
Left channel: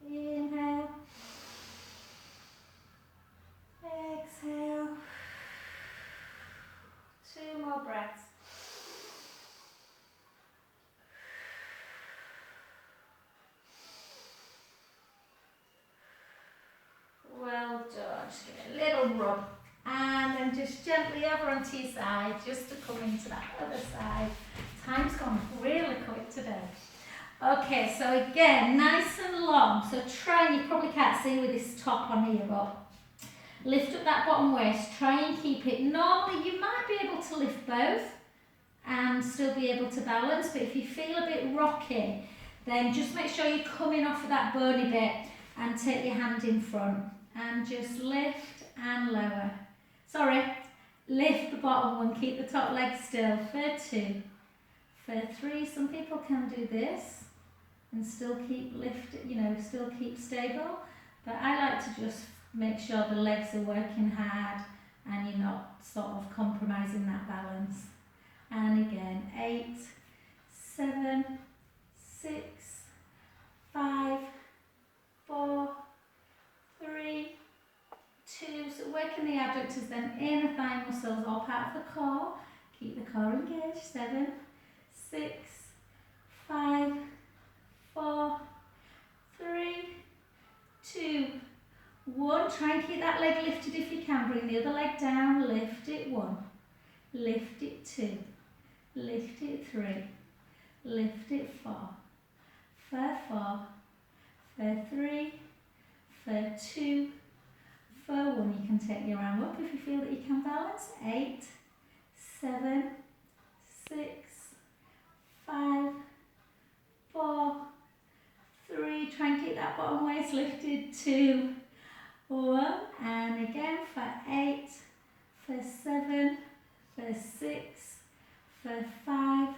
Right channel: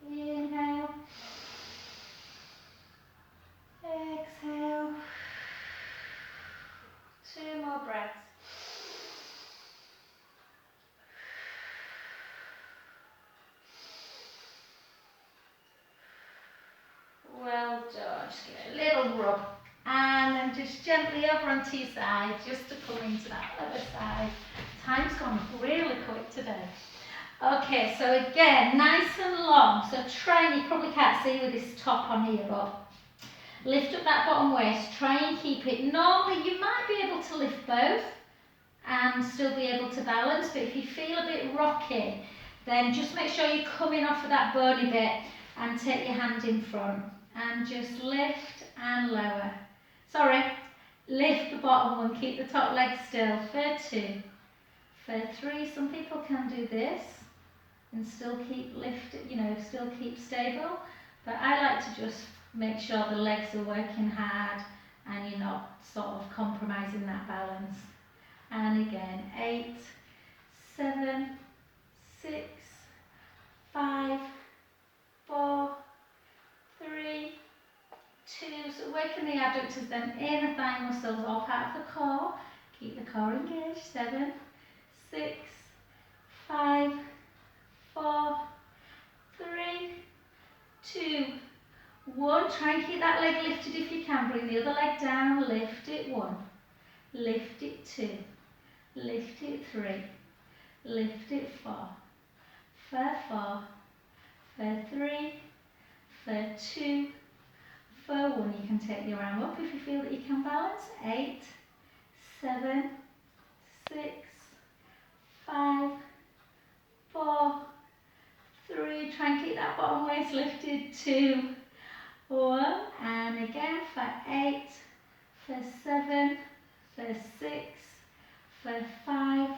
Inhale. Exhale. 2 more breaths. just gently over onto your side, just to come into that other side. Time's gone really quick today. Okay, so again, nice and long. So try, and you probably can't see with this top on here, but lift up that bottom waist. Try and keep it. Normally you might be able to lift both and still be able to balance, but if you feel a bit rocky, then just make sure you're coming off of that bony bit and take your hand in front and just lift and lower. Sorry, lift the bottom one, keep the top leg still for 2, for 3. Some people can do this and still keep lifted, you know, still keep stable, but I like to just make sure the legs are working hard and you're not sort of compromising that balance. And again, 8, 7, 6, 5, 4, 3, 2. So working the abductors, them inner thigh muscles, all part of the core. Keep the core engaged. 7, 6, 5, 4, 3, 2, 1. Try and keep that leg lifted if you can. Bring the other leg down. Lift it. 1. Lift it. 2. Lift it. 3. Lift it. 4. For 4. For 3. For 2. For 1. You can take your arm up if you feel that you can balance. 8, 7, 6, 5, 4, 3. Try and keep that bottom waist lifted. 2, 1. And again for 8, for 7, for 6, for 5,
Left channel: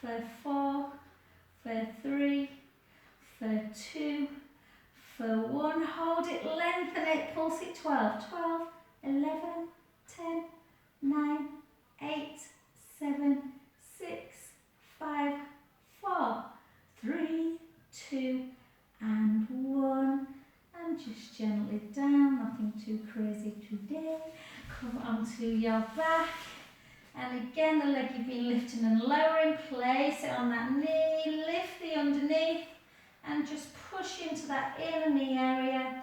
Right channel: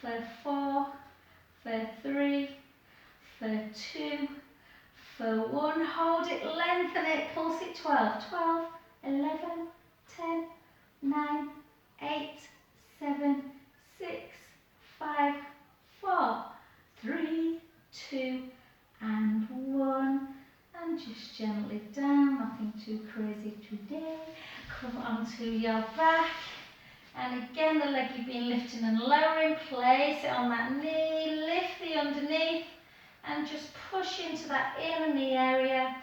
for 4, for 3, for 2, for 1. Hold it, lengthen it, pulse it. 12, 12, 11, 10, 9, 8, 7, 6, 5, 4, 3, 2, and 1. And just gently down, nothing too crazy today. Come onto your back. And again, the leg you've been lifting and lowering, place it on that knee, lift the underneath, and just push into that inner knee area.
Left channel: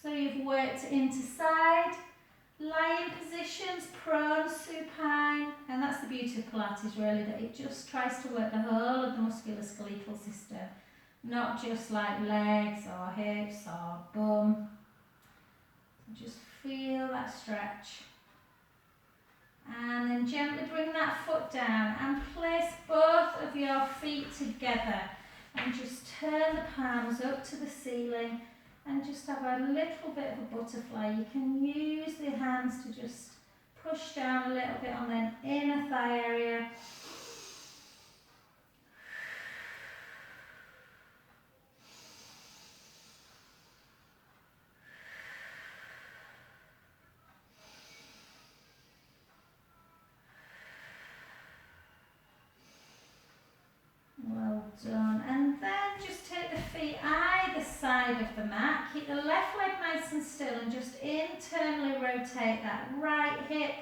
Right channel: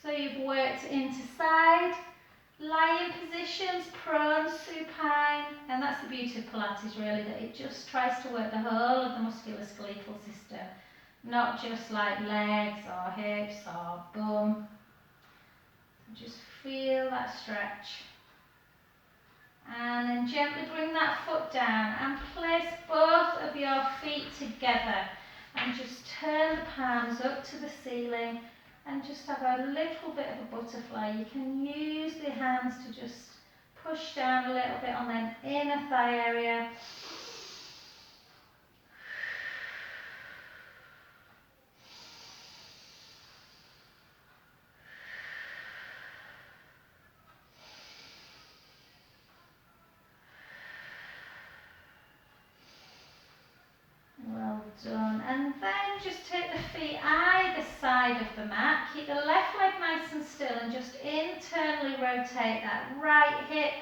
So you've worked into side, lying positions, prone, supine, and that's the beauty of Pilates really, that it just tries to work the whole of the musculoskeletal system, not just like legs or hips or bum. Just feel that stretch. And then gently bring that foot down and place both of your feet together and just turn the palms up to the ceiling and just have a little bit of a butterfly. You can use the hands to just push down a little bit on the inner thigh area. Well done. And then just take the feet either side of the mat. Keep the left leg nice and still and just internally rotate that right hip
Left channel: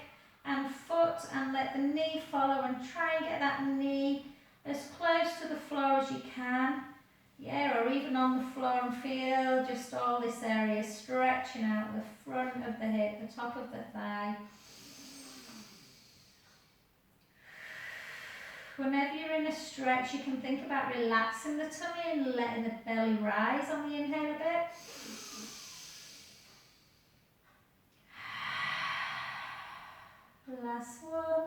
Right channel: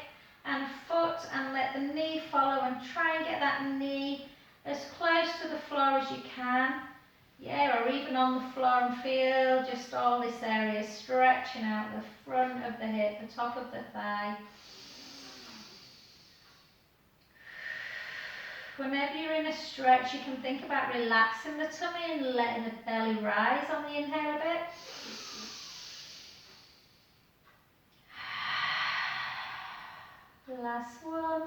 and foot and let the knee follow, and try and get that knee as close to the floor as you can. Yeah, or even on the floor, and feel just all this area stretching out the front of the hip, the top of the thigh. Whenever you're in a stretch, you can think about relaxing the tummy and letting the belly rise on the inhale a bit. Last one.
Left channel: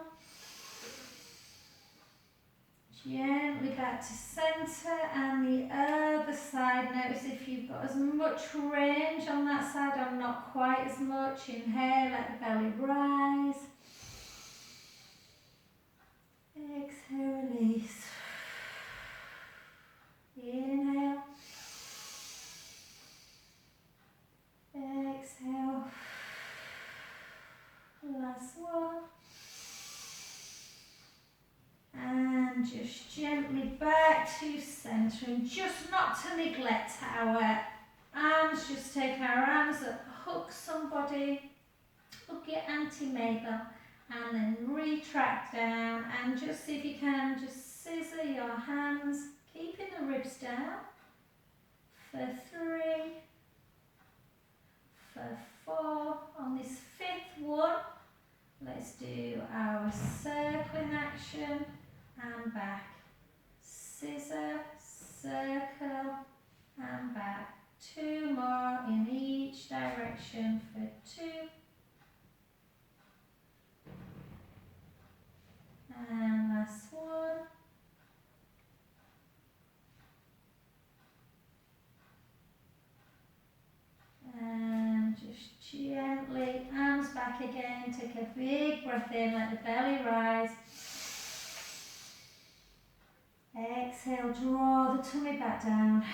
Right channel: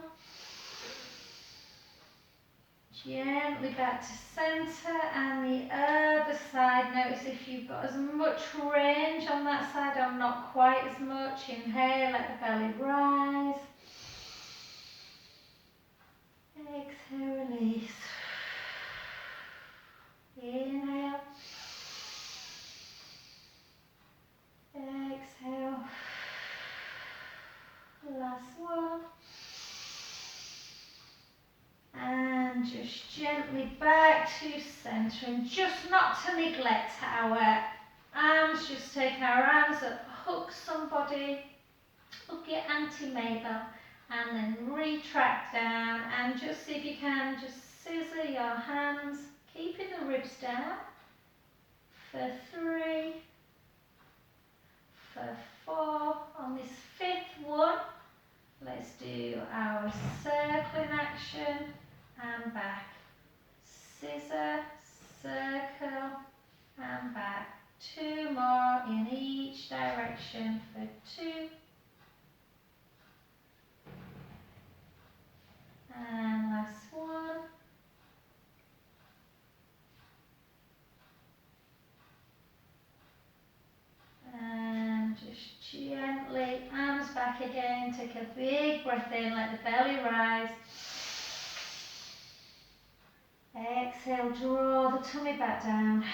Gently back to centre, and the other side. Notice if you've got as much range on that side or not quite as much. Inhale, let the belly rise. Exhale, release. Inhale. Exhale. Last one. And just gently back to centre, and just not to neglect our arms. Just take our arms up, hook somebody, hook your Auntie Mabel, and then retract down, and just see if you can just scissor your hands. keeping the ribs down. For 3, for 4. On this 5th one, let's do our circling action and back. Scissor, circle and back. 2 more in each direction for 2. And last one. And just gently, arms back again, take a big breath in, let the belly rise. Exhale, draw the tummy back down.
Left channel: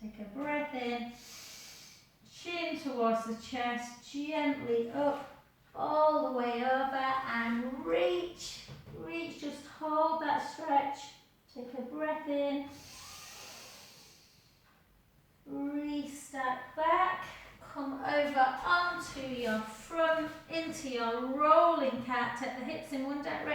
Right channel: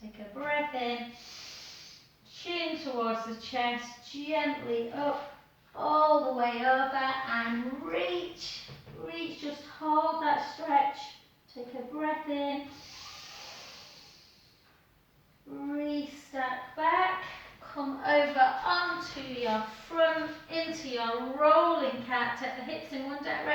Take a breath in, chin towards the chest, gently up, all the way over, and reach, just hold that stretch. Take a breath in. Restack back, come over onto your front, into your rolling cat, take the hips in one direction.